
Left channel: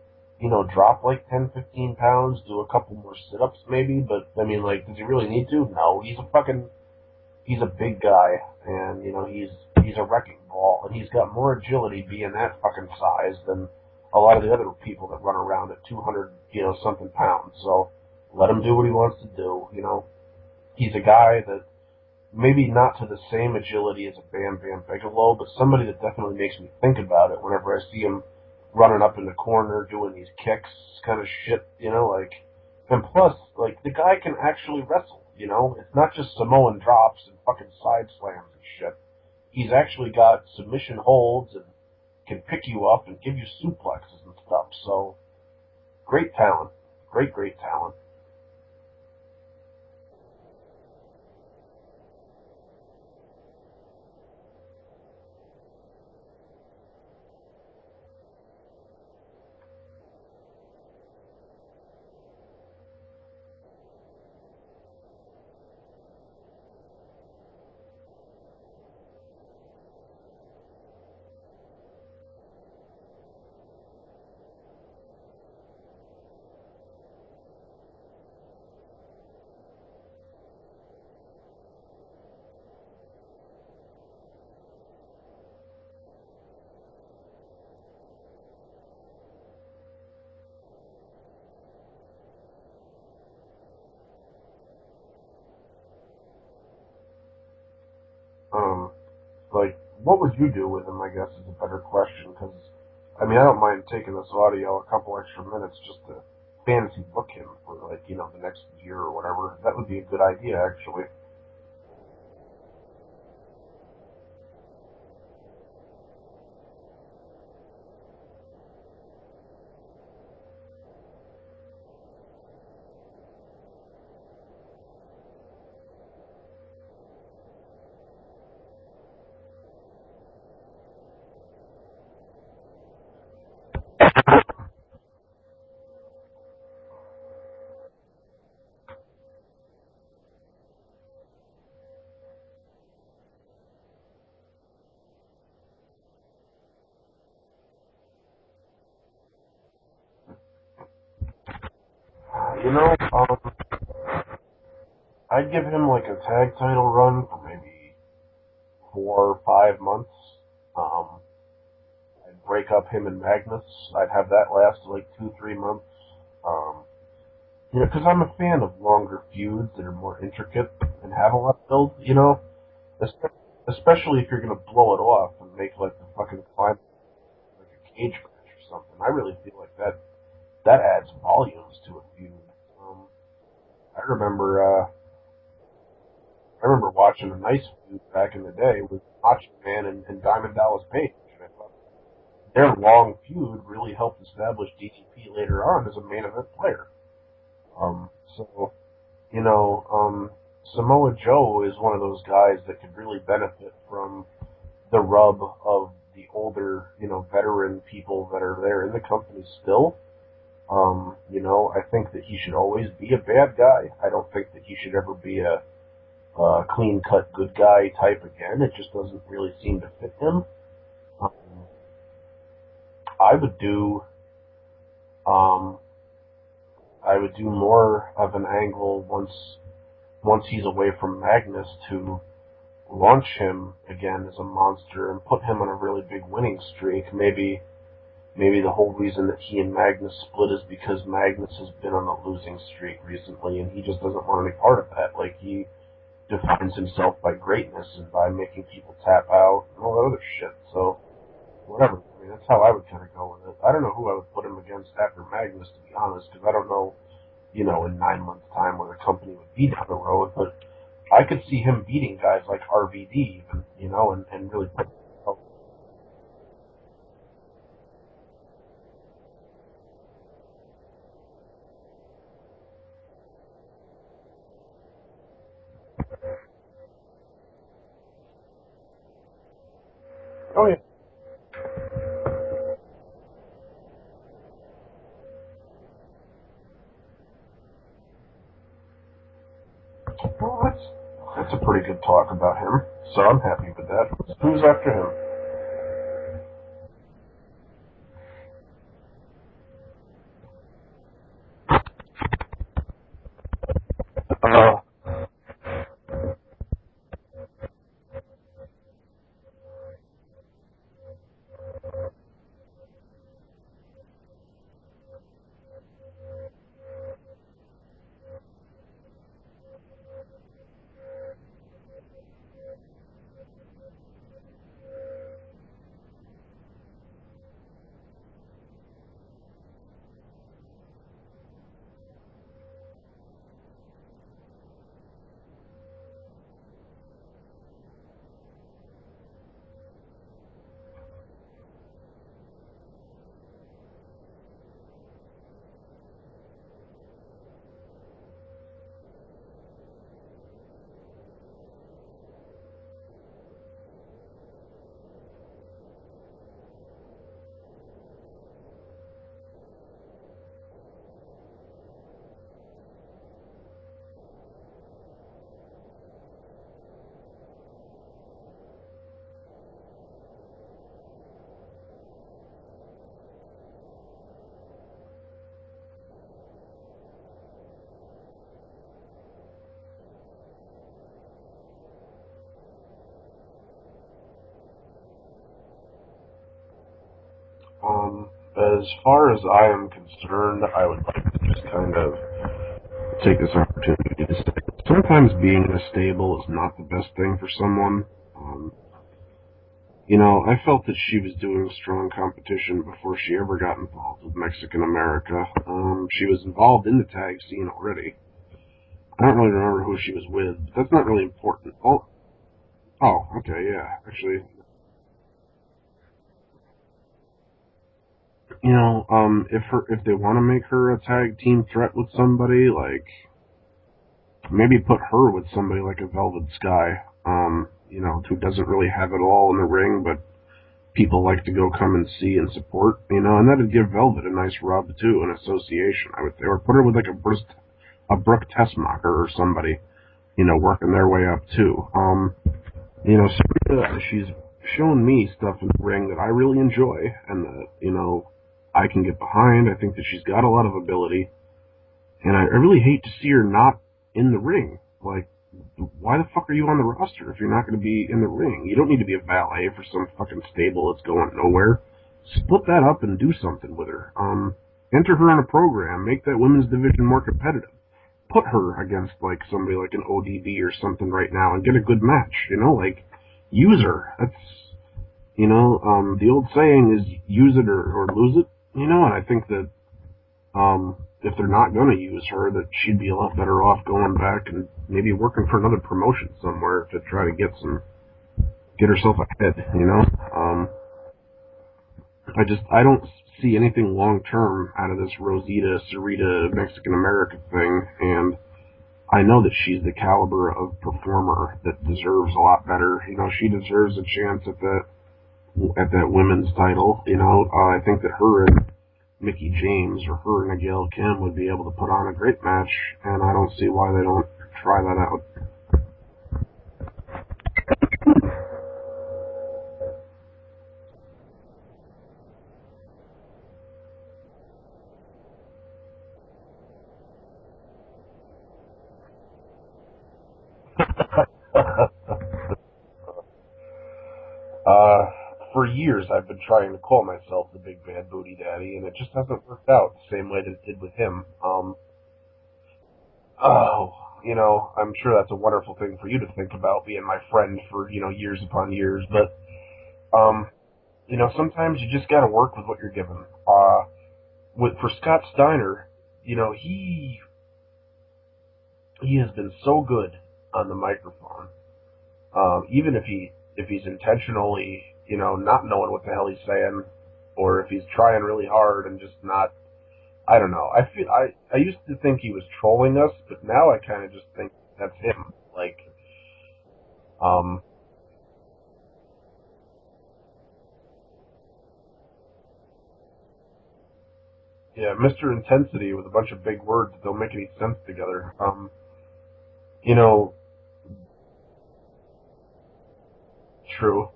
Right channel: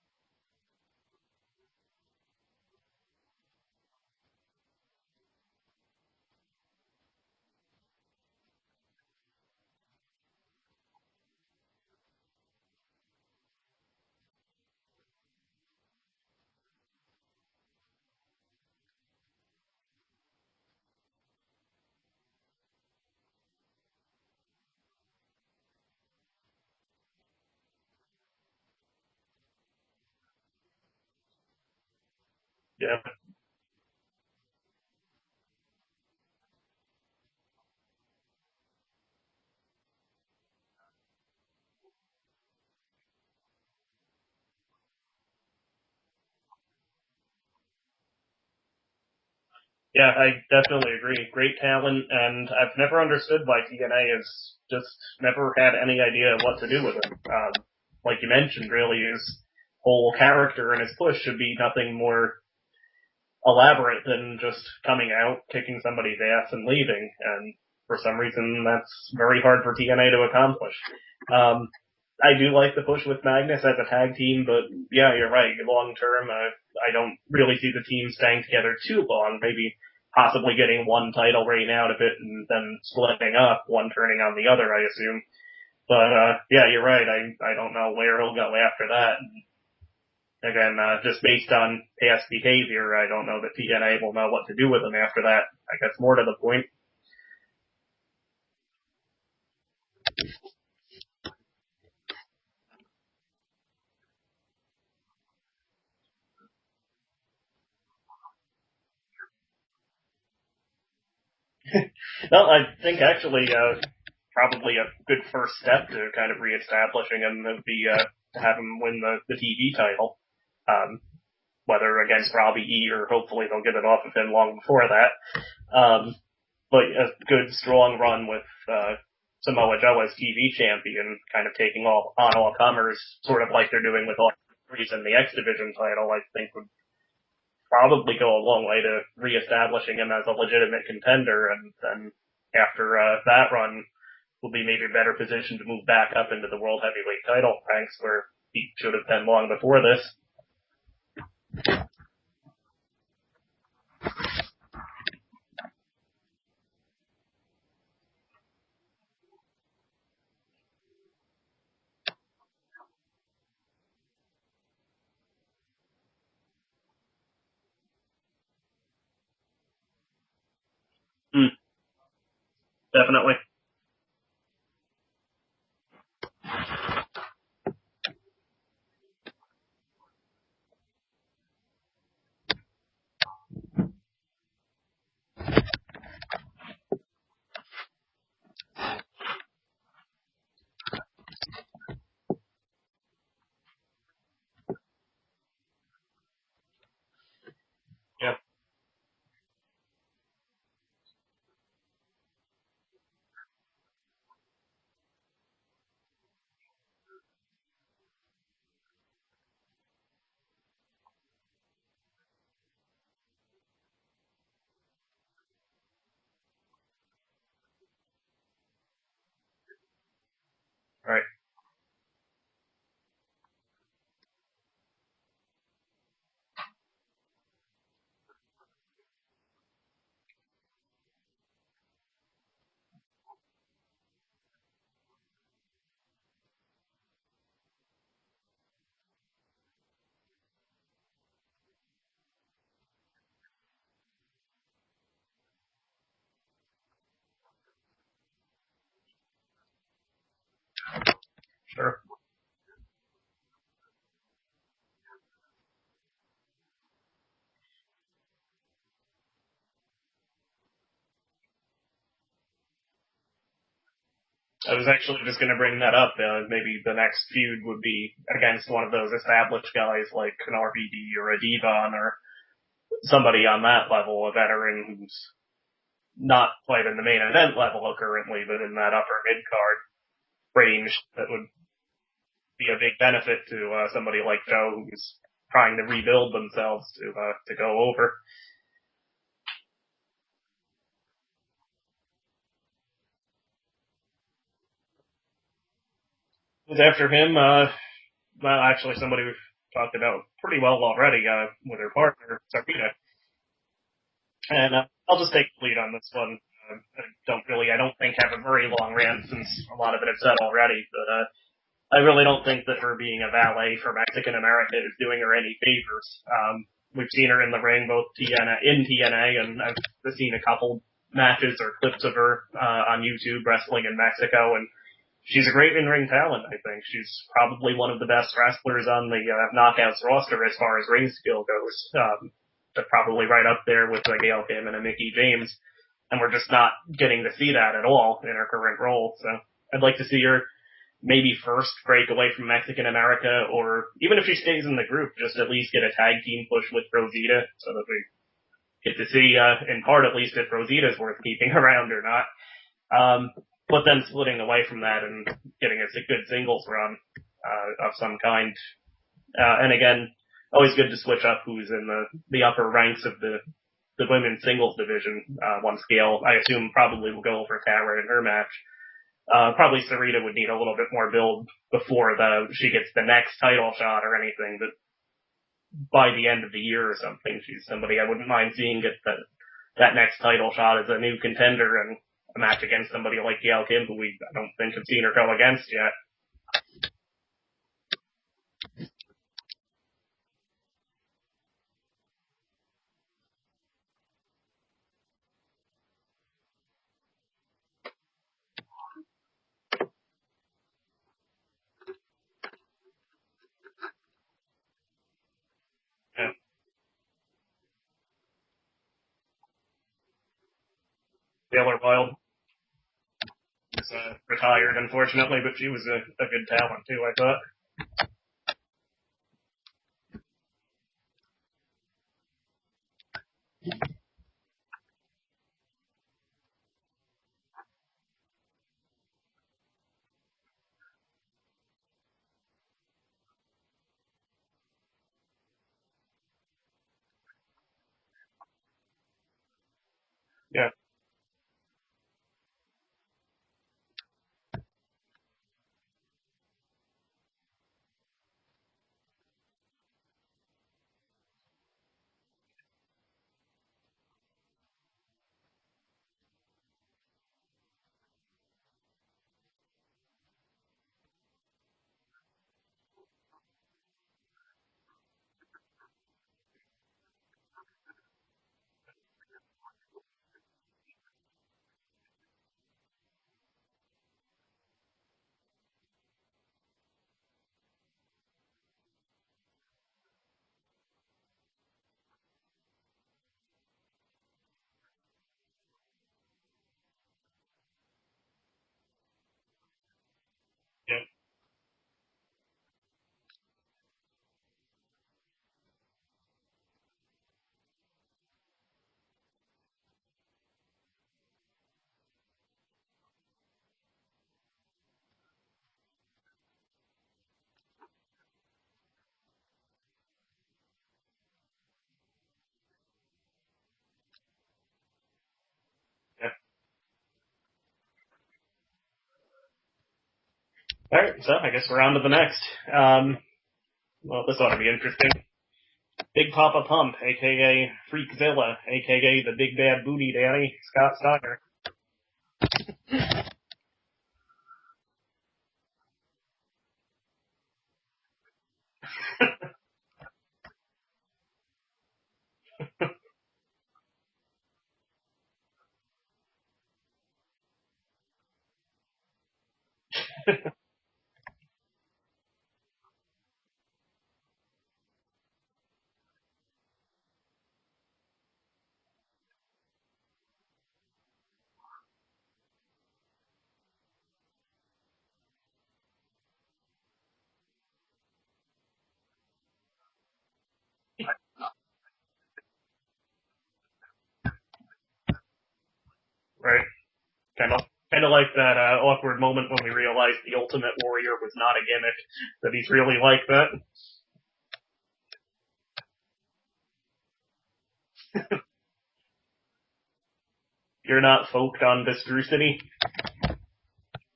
drop like 10, 15 pounds, do a couple more sit-ups maybe, but I mean, like, does he really need to? No, he's a big guy, and, he's a wrecking ball, and he's got more agility being that fucking size than a lot of the other people that run around at 200, something pounds. So let him do what he wants to do, He's a guy that maybe not to the same agility as a Bam Bam Bigelow, but somebody that definitely makes me think about it whenever I see him running up in the corner doing these kicks kind of shit, like, Yeah. and plus, like, the guy can actually wrestle, it's not just Samoan drops and fucking side slams and shit. He's actually got submission holds and can pick you up and give you suplexes and stuff, so great talent. Great talent. Yeah, I definitely agree. Great talent, and I've never understood why TNA has just never had any idea what to do with him. Like you mentioned, really, his whole character and his push should be nothing more elaborate than just coming out, kicking somebody's ass, and leaving. And for some reason, that's very hard for TNA to accomplish. Um, I do like the push with Magnus as a tag team, but yeah, you're right. Long term, I don't really see the team staying together too long. Maybe possibly getting one title reign out of it and then splitting up, one turning on the other, I assume. But yeah, you're right. I don't know where he'll go after that. And again, just based on past behavior, I don't know that TNA will know what to do with him after that. I guess more to the point. Um, like, what would you do with him? I guess is a better question because, I mean, I don't mind taking this audio a couple extra minutes just to fancy book him for like the next year or whatever. That would be a good idea, actually. No, I think actually probably a good first step to kind of reestablishing him would be to have him win the TV title. Whether against Robbie E or hopefully they'll get it off of him long before that. But a good strong run with Samoa Joe as TV champion, kind of taking on all comers, sort of like they're doing with all in the X Division title, I think would probably go a long way to reestablishing him as a legitimate contender, and then after that run, will be maybe better positioned to move back up into the World Heavyweight title ranks where he should have been long before this. You know, I'd give him like a tag title run for maybe 4 or 5 months. I'd break up him and Magnus. I'd have that last like 2, 3 months. Because I'm a fan of longer feuds that are more intricate and have a lot of build. Definitely. Especially if you're gonna blow it off and make like a fucking slime like a cage match or something. I really feel like that adds volumes to a feud. I remember watching a nice feud back in the day with Macho Man and Diamond Dallas Page. Their long feud really helped establish DDP later on as a main event player. Yeah. So, Samoa Joe is one of those guys that could really benefit from the rub of the older, veteran people that are there in the company still. I think that he should always be a bad guy. I don't think that he should ever be a clean-cut good guy type again. It just doesn't really seem to fit him. Right. I would do, um, more of an angle once he's away from Magnus to launch him again as a monster and put him on a really big winning streak. Maybe the whole reason that he and Magnus split is because Magnus has been on a losing streak recently and he just doesn't want any part of that. Like, he defines himself by greatness and by making people tap out and all that other shit. So, whatever. I mean, that's how I would kind of go with it. I don't know who I would put him against after Magnus, to be honest, because I don't know, in 9 months' time where the company would be down the road, but I could see him beating guys like RVD, even, and really. I was actually just going to bring that up. Maybe the next feud would be against one of those established guys like an RVD or a Devon or somebody on that level, a veteran who's not quite in the main event level currently, but in that upper mid card range. That would be a big benefit to somebody like Joe who's trying to rebuild themselves to go over. Well, that's a pretty good talk about him, so I'm happy with that. Who's after him? Who's after him? Well, actually, somebody we've talked about pretty well already. Their partner, Sarpita. And I'll just take the lead on this one. I don't think have a very long rant since a lot of it is said already, but I really don't think that her being a valet for Mexican America is doing her any favors. We've seen her in the ring, both in TNA, and I've seen a couple matches or clips of her on YouTube wrestling in Mexico, and she's a great in-ring talent, I think. She's probably one of the best wrestlers on the Knockouts roster as far as ring skill goes. Probably right up there with Gail Kim and a Mickie James, and we're just not getting to see that at all in her current role, so I'd like to see her maybe first break away from Mexican America, or even if she stays in the group, just at least get a tag team push with Rosita, so that we get to see, in part at least, if Rosita's worth keeping around or not. But then splitting away from that and getting a good singles run of some kind. And again, always good to switch up who's in the upper ranks of the women's singles division once Gail, I assume, probably will go over Tara in her match. Probably Sarita would need a little bit more build before she gets the next title shot or anything, but by the end of the year or something, she's somebody I wouldn't mind seeing get that next title shot as a new contender and a match against somebody like Gail Kim, who I don't think have seen her go against yet. As far as I am concerned, I would like to just kind of take this opportunity to say sometimes being in a stable is not the best thing for someone. I felt that she was doing strong competition before she ever got involved with Mexican America. She was involved in the tag scene already. I don't really remember who she was with, but that's not really important. Taylor Wilde. Oh, okay, yeah. Actually, retired, unfortunately, but she was a good talent, too, I thought. If they want to make her a tag team threat with somebody, like, maybe put her with somebody like a Velvet Sky, who doesn't really have it all in the ring, but people like to go come and see and support, and that'd give Velvet a nice rub, too, an association, I would say. Or put her with, like, a Brooke Tessmacher or somebody, working their way up, too. Sarita, she's shown me stuff in the ring that I really enjoy, and that, I can get behind. I think that she's got a lot of ability, and I really hate to see her not in the ring. Like, why the fuck are you on the roster if you're not going to be in the ring? You don't need to be a valet for some fucking stable that's going nowhere. Split that up and do something with her. Enter her in a program. Make that women's division more competitive. Put her against, like, somebody like an ODB or something right now and get a good match, use her. That's, the old saying is use it or lose it, and I think that, if they're not going to use her, that she'd be a lot better off going back and maybe working for another promotion somewhere to try to get herself ahead, I don't see anything long term out of this Rosita Sarita Mexican America thing, and I know that she's the caliber of performer that deserves a lot better. She deserves a chance at that women's title. I think that her and Mickie James or her and Gail Kim would be able to put on a great match, and I don't see why they don't try that out. Alright, so I guess we're on to the next. Well, this ought to be interesting. Big Papa Pump, a.k.a. Freakzilla, a.k.a. the Big Bad Booty Daddy, Scott Steiner. For years, I've been trying to call myself the Big Bad Booty Daddy, and it just hasn't worked out the same way that it did with him. I'm sure that's a wonderful thing for you to think about, being my friend for, years upon years, but, sometimes you just gotta work with what you're given. For Scott Steiner, he has been so good on the microphone. Even if he's intentionally, not knowing what the hell he's saying, or if he's trying really hard and just not, I don't know. I used to think he was trolling us, but now I kind of just think that's him. Like, right. Kind of like that awkward moment when we realized the Ultimate Warrior was not a gimmick, that he's really like that. Yeah, Mr. Intensity with a bunch of big words that don't make any sense together. You're not folked on Viscosity? True.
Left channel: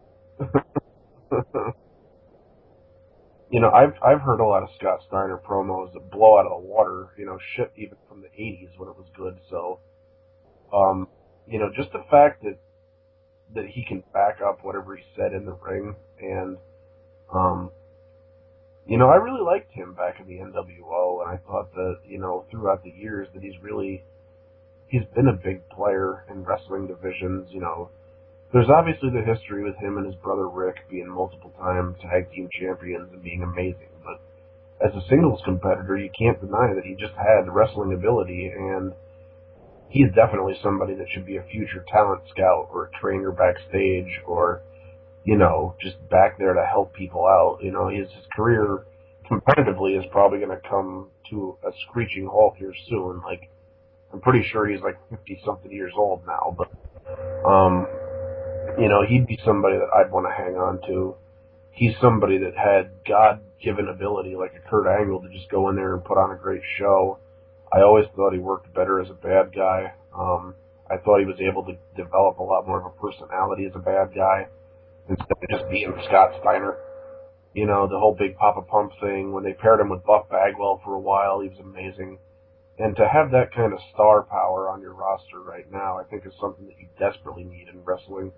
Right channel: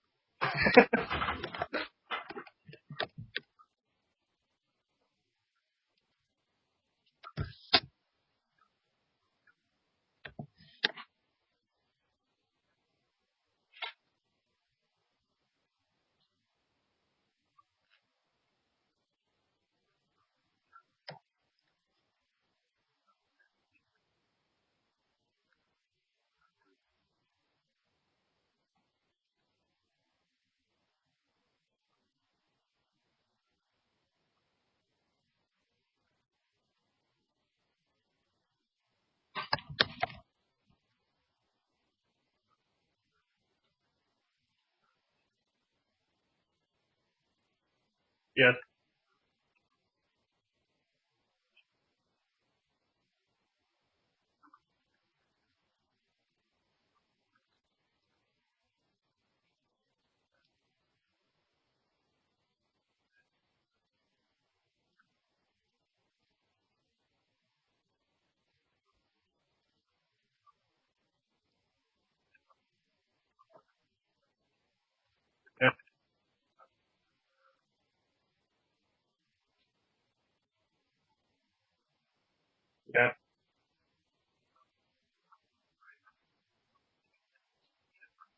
I've heard a lot of Scott Steiner promos that blow out of the water, shit even from the 80s when it was good, so, just the fact that he can back up whatever he said in the ring, and, I really liked him back in the NWO, and I thought that, throughout the years that he's been a big player in wrestling divisions, There's obviously the history with him and his brother Rick being multiple time tag team champions and being amazing, but as a singles competitor, you can't deny that he just had wrestling ability, and he's definitely somebody that should be a future talent scout or a trainer backstage, or, just back there to help people out. His career competitively is probably going to come to a screeching halt here soon. Like, I'm pretty sure he's like 50-something years old now, but, he'd be somebody that I'd want to hang on to. He's somebody that had God-given ability, like a Kurt Angle, to just go in there and put on a great show. I always thought he worked better as a bad guy. I thought he was able to develop a lot more of a personality as a bad guy. instead of just being Scott Steiner. You know, the whole Big Papa Pump thing, when they paired him with Buff Bagwell for a while, he was amazing. And to Yeah. have that kind of star power on your roster right now, I think is something that you desperately need in wrestling,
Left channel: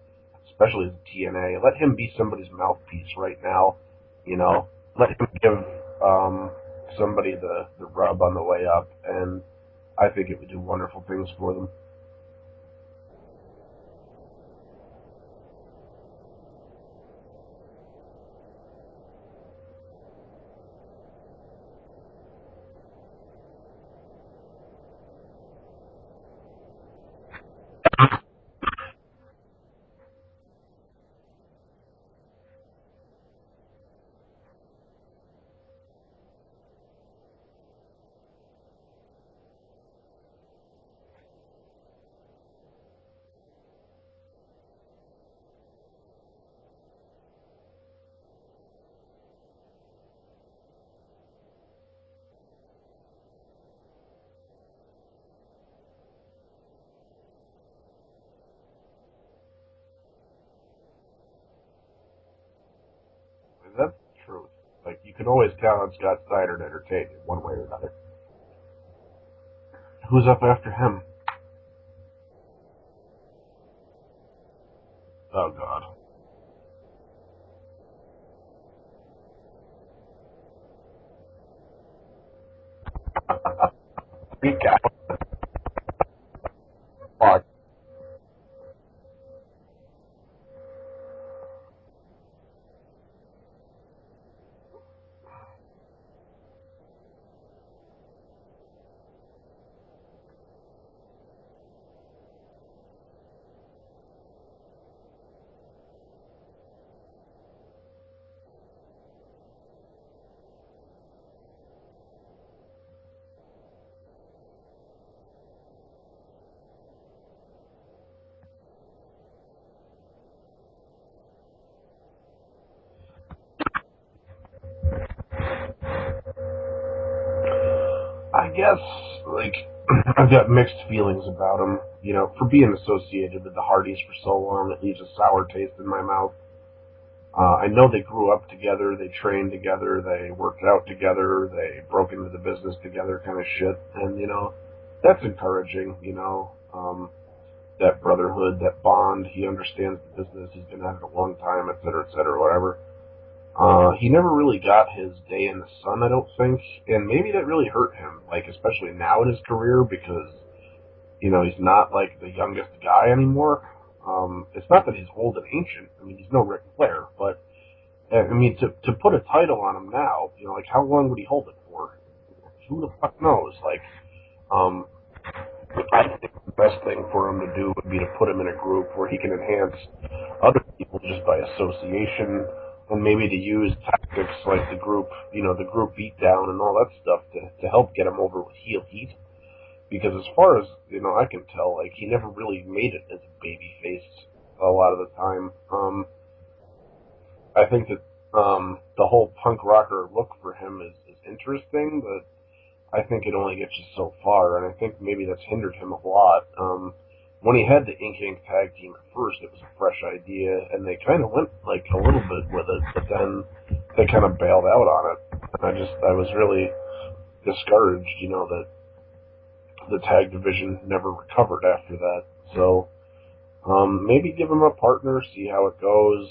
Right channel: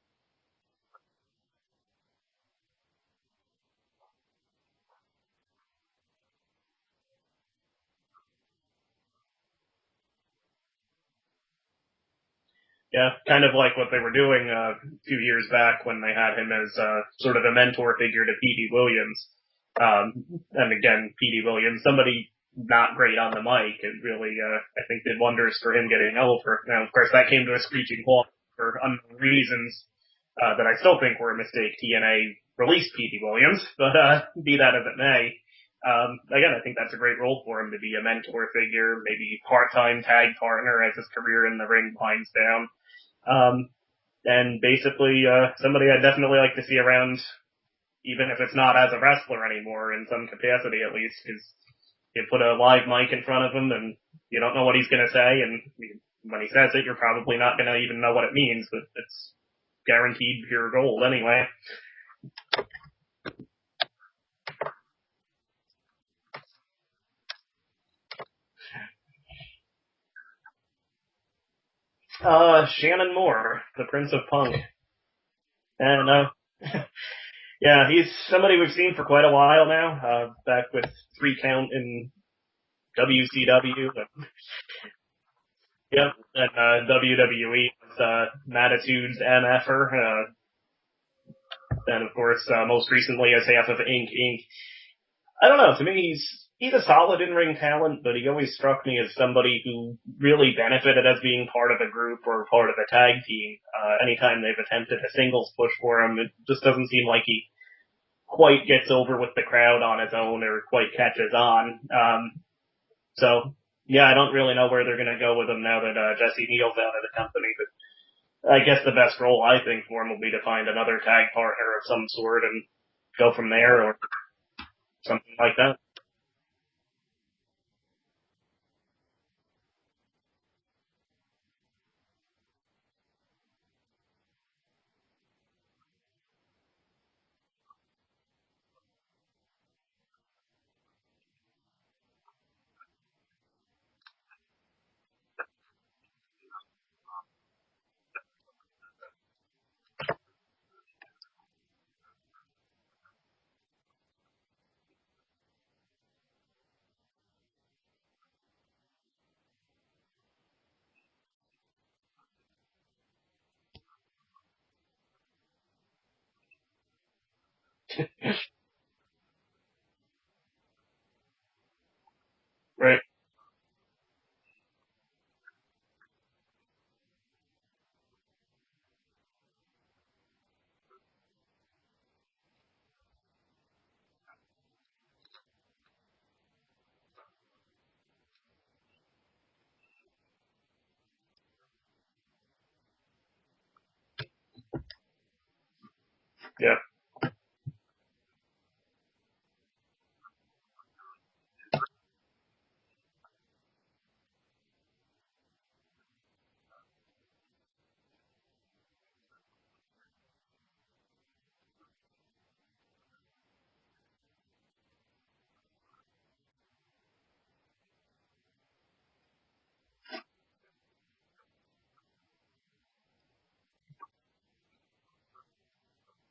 especially as a TNA. Let him be somebody's mouthpiece right now. You know, let him give somebody the rub on the way up, and I think it would do wonderful things for them. Yeah, kind of like what they were doing a few years back when they had him as sort of a mentor figure to Petey Williams. And again, Petey Williams, somebody not great on the mic, and really, I think did wonders for him getting over. Now, of course, that came to a screeching halt for unknown reasons that I still think were a mistake. TNA released Petey Williams, but be that as it may, again, I think that's a great role for him to be a mentor figure, maybe part-time tag partner as his career in the ring winds down. And basically, somebody I'd definitely like to see around, even if it's not as a wrestler anymore, in some capacity at least, because you put a live mic in front of him and you don't know what he's going to say, and when he says it, you're probably not going to even know what it means, but it's guaranteed pure gold anyway. That's true. Like, you can always count on Scott Steiner to entertain you one way or another. Who's up after him? Shannon Moore, the Prince of Punk. Oh, God. And, yeah, he's somebody we've seen for quite a while now, back with 3 Count in WCW. Yep, and WWE, Mattitude's MFer, and of course, most recently as half of Inc. Inc. I don't know, to me he's a solid in-ring talent, but he always struck me as somebody who really benefited as being part of a group or part of a tag team. Anytime they've attempted a singles push for him, it just doesn't seem like he quite gets over with the crowd on his own or quite catches on. So, yeah, I don't really know where they're going to go with him now that Jesse Neal's out of the company, but I guess the best role I think for him will be to find another tag partner of some sort and go from there or something like that. I guess, like, I've got mixed feelings about him. You know, for being associated with the Hardys for so long, it leaves a sour taste in my mouth. I know they grew up together, they trained together, they worked out together, they broke into the business together kind of shit. And, you know, that's encouraging, you know. That brotherhood, that bond, he understands the business, he's been at it a long time, et cetera, whatever. He never really got his day in the sun, I don't think, and maybe that really hurt him, like, especially now in his career, because, you know, he's not, like, the youngest guy anymore. It's not that he's old and ancient, I mean, he's no Ric Flair, but, I mean, to put a title on him now, you know, like, how long would he hold it for? Who the Right. fuck knows? Like, um, I think the best thing for him to do would be to put him in a group where he can enhance other people just by association, and maybe to use tactics like the group, you know, the group beatdown and all that stuff to help get him over with heel heat. Because as far as, you know, I can tell, like, he never really made it as a baby face a lot of the time. Yeah. I think that the whole punk rocker look for him is interesting, but I think it only gets you so far, and I think maybe that's hindered him a lot. When he had the Ink Inc. tag team at first, it was a fresh idea, and they kind of went like a little bit with it, but then they kind of bailed out on it. And I was really discouraged, you know, that the tag division never recovered after that. So maybe give him a partner, see how it goes.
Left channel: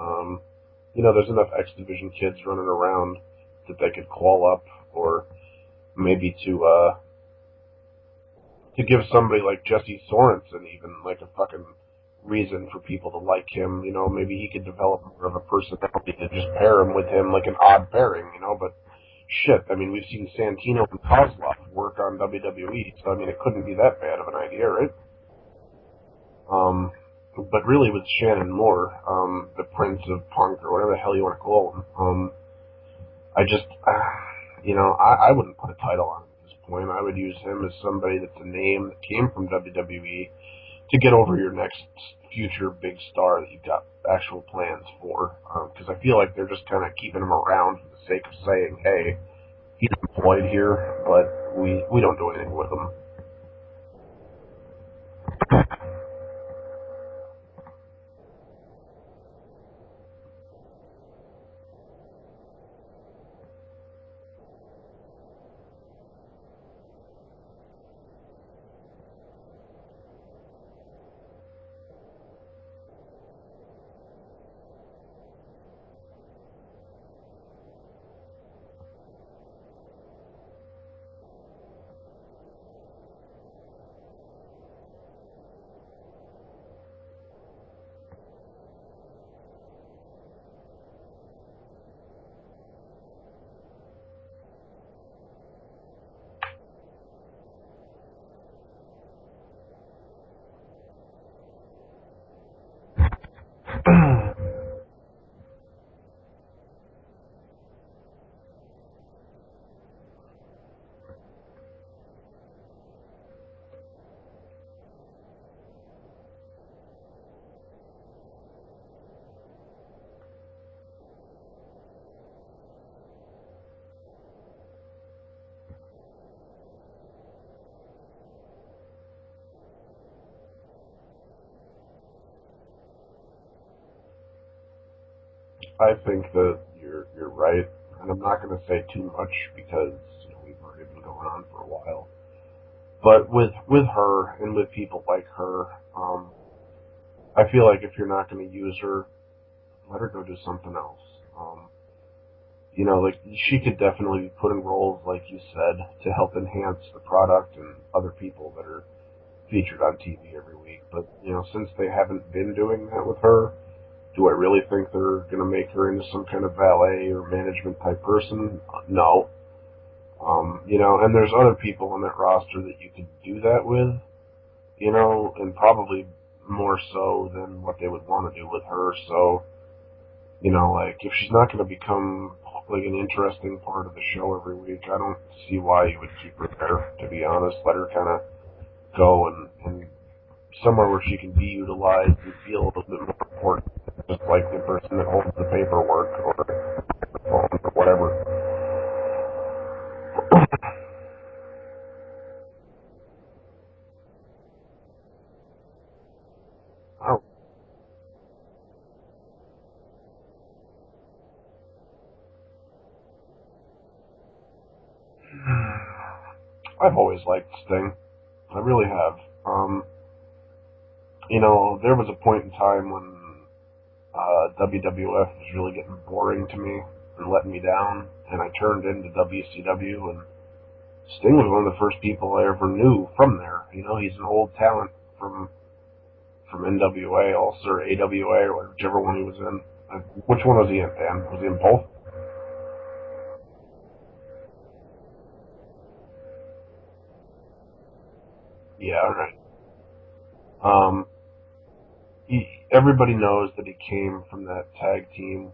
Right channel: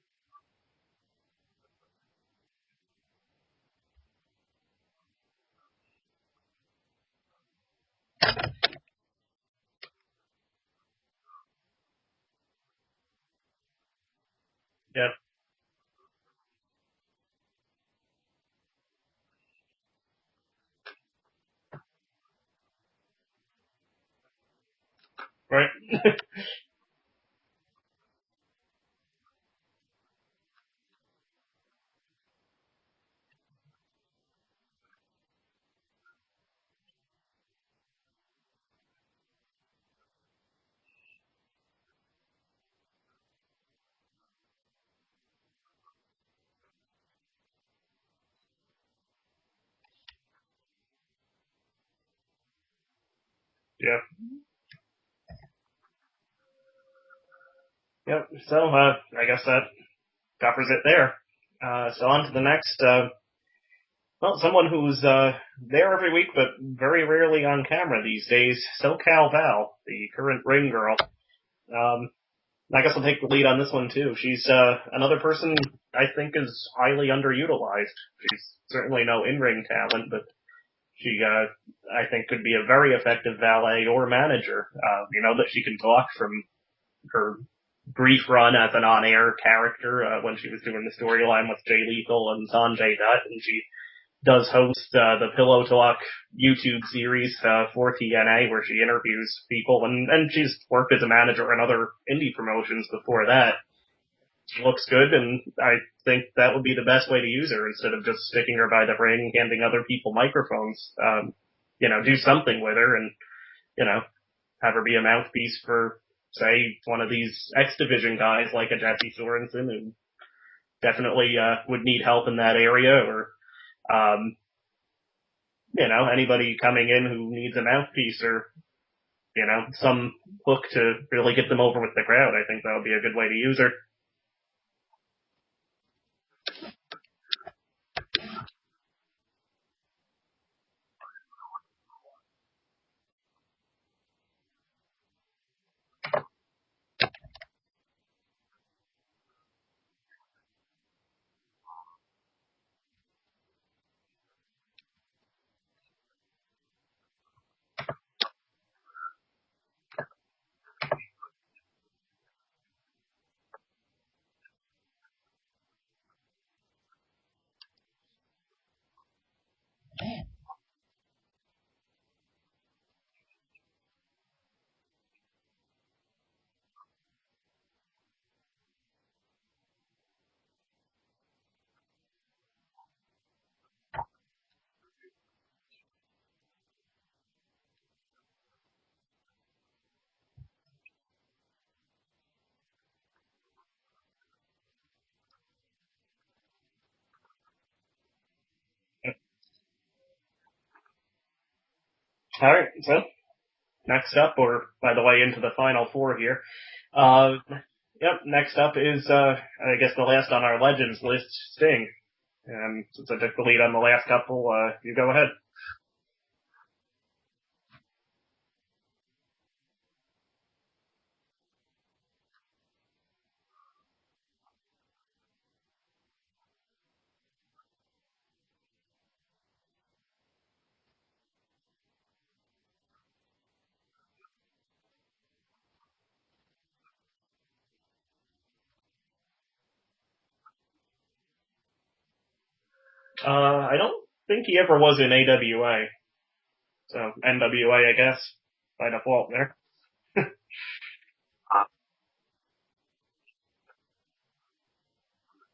Um, you know, there's enough X Division kids running around that they could call up, or maybe to give somebody like Jesse Sorensen even like a fucking reason for people to like him. You know, maybe he could develop Yeah. more of a personality to just pair him with him like an odd pairing. You know, but shit, I mean, we've seen Santino and Kozlov work on WWE, so I mean, it couldn't be that bad of an idea, right? Right. Um, but really, with Shannon Moore, the Prince of Punk or whatever the hell you want to call him, I just, you know, I wouldn't put a title on him at this point. I would use him as somebody that's a name that came from WWE to get over your next future big star that you've got actual plans for. Because I feel like they're just kind of keeping him around for the sake of saying, hey, he's employed here, but we don't do anything with him. Yeah. Yep. So, I guess that covers it there. So on to the next, well, someone who's, there every week, but very rarely on camera these days, SoCal Val, the current ring girl. Um, I guess I'll take the lead on this one too. She's, another person I think is highly underutilized. She's certainly no in-ring talent, but she, I think could be a very effective valet or manager. That she can talk from her brief run as an on-air character when she was doing the storyline with Jay Lethal and Sanjay Dutt, and she does host the Pillow Talk YouTube series for TNA, where she interviews people, and she's worked as a manager in other indie promotions before that. She looks good, and I think that would be the best way to use her instead of just sticking her by the ring, handing other people microphones. Do something with her, and you know, have her be a mouthpiece for, say, one of these X Division guys like a Jesse Sorensen, who definitely would need help in that area, or um, anybody coming in who needs a mouthpiece, or some hook to really get them over with the crowd. I think that would be a good way to use her. I think that you're right, and I'm not going to say too much because we've already been going on for a while. But with her and with people like her, I feel like if you're not going to use her, let her go do something else. Like she could definitely be put in roles, like you said, to help enhance the product and other people that are featured on TV every week. Like, since they haven't been doing that with her, do I really think they're going to make her into some kind of valet or management type person? No. And there's other people on that roster that you could do that with, and probably more so than what they would want to do with her. So, like if she's not going to become like an interesting part of the show every week, I don't see why you would keep her there. To be honest, let her kind of go and somewhere where she can be utilized and feel a little bit more important, just like the person that holds the paperwork or the phone or whatever. All right, so next up, or by the way, into the final four here. Oh, Yep, next up is, I guess the last on our Legends list, Sting. And since I took the lead on the last couple, you go ahead. I've always liked Sting. I really have. There was a point in time when WWF was really getting boring to me and letting me down, and I turned into WCW, and Sting was one of the first people I ever knew from there. He's an old talent from NWA also, or AWA, or whichever one he was in. Which one was he in, Dan? Was he in both? I don't think he ever was in AWA. So, NWA, I guess. Might Yeah, have all fallen right. there. Um, everybody knows that he came from that tag team,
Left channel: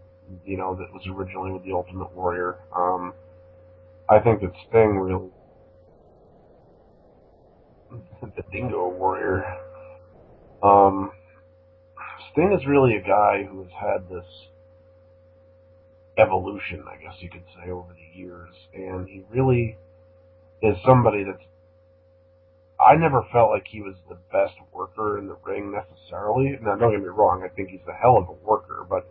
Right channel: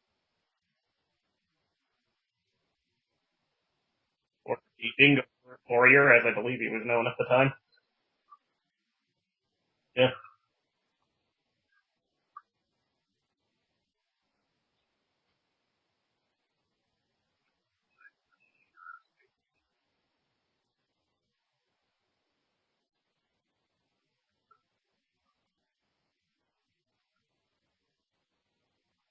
that was originally with the Ultimate Warrior. I think that Sting Dingo really, Warrior, as I believe he was known at the time. the Dingo Warrior. Yeah. Um, Sting is really a guy who has had this evolution, I guess you could say, over the years, and he really is somebody that's. I never felt like he was the best worker in the ring necessarily. Now, don't get me wrong, I think he's a hell of a worker, but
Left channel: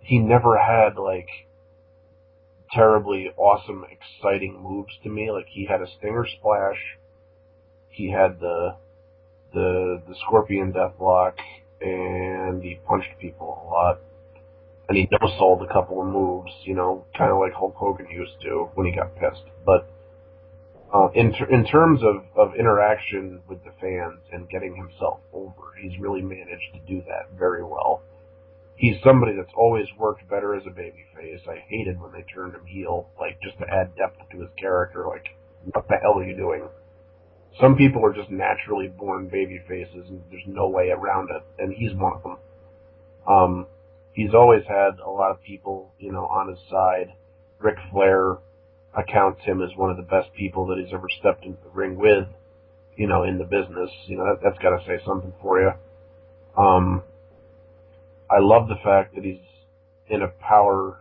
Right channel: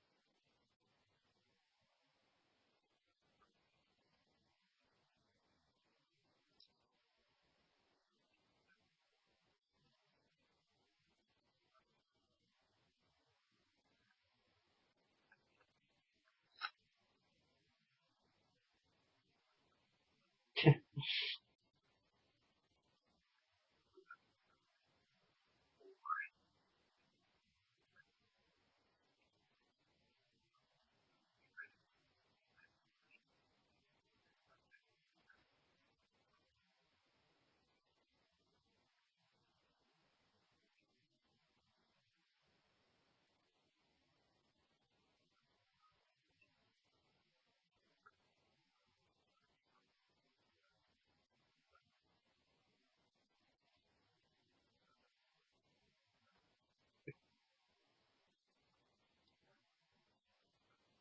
he never had like terribly awesome, exciting moves to me. Like he had a Stinger Splash, he had the Scorpion Deathlock, and he punched people a lot. And he no-sold a couple of moves, kind of like Hulk Hogan used to when he got pissed. But in terms of interaction with the fans and getting himself over, he's really managed to do that very well. He's somebody that's always worked better as a babyface. I hated when they turned him heel, like just to add depth to his character. Like, what the hell are you doing? Some people are just naturally born baby faces, and there's no way around it, and he's one of them. Um, he's always had a lot of people, on his side. Ric Flair accounts him as one of the best people that he's ever stepped into the ring with, in the business. That's got to say something for you. Um, I love the fact that he's in a power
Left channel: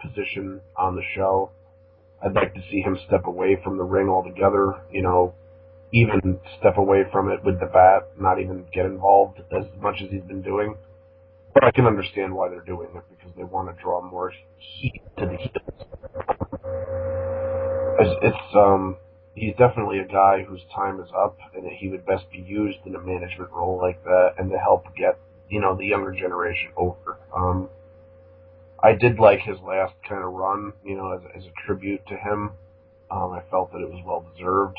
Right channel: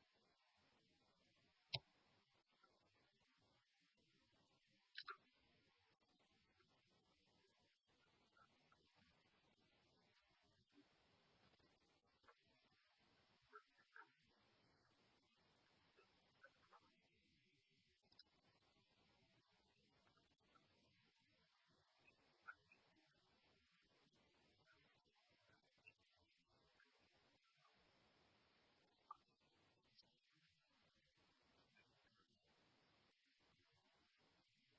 position on the show. I'd like to see him step away from the ring altogether, even step away from it with the bat, not even get involved as much as he's been doing. But I can understand why they're doing it because they want to draw more heat to the heels. He's definitely a guy whose time is up, and that he would best be used in a management role like that, and to help get the younger generation over. I did like his last kind of run, as a tribute to him. I felt that it was well deserved.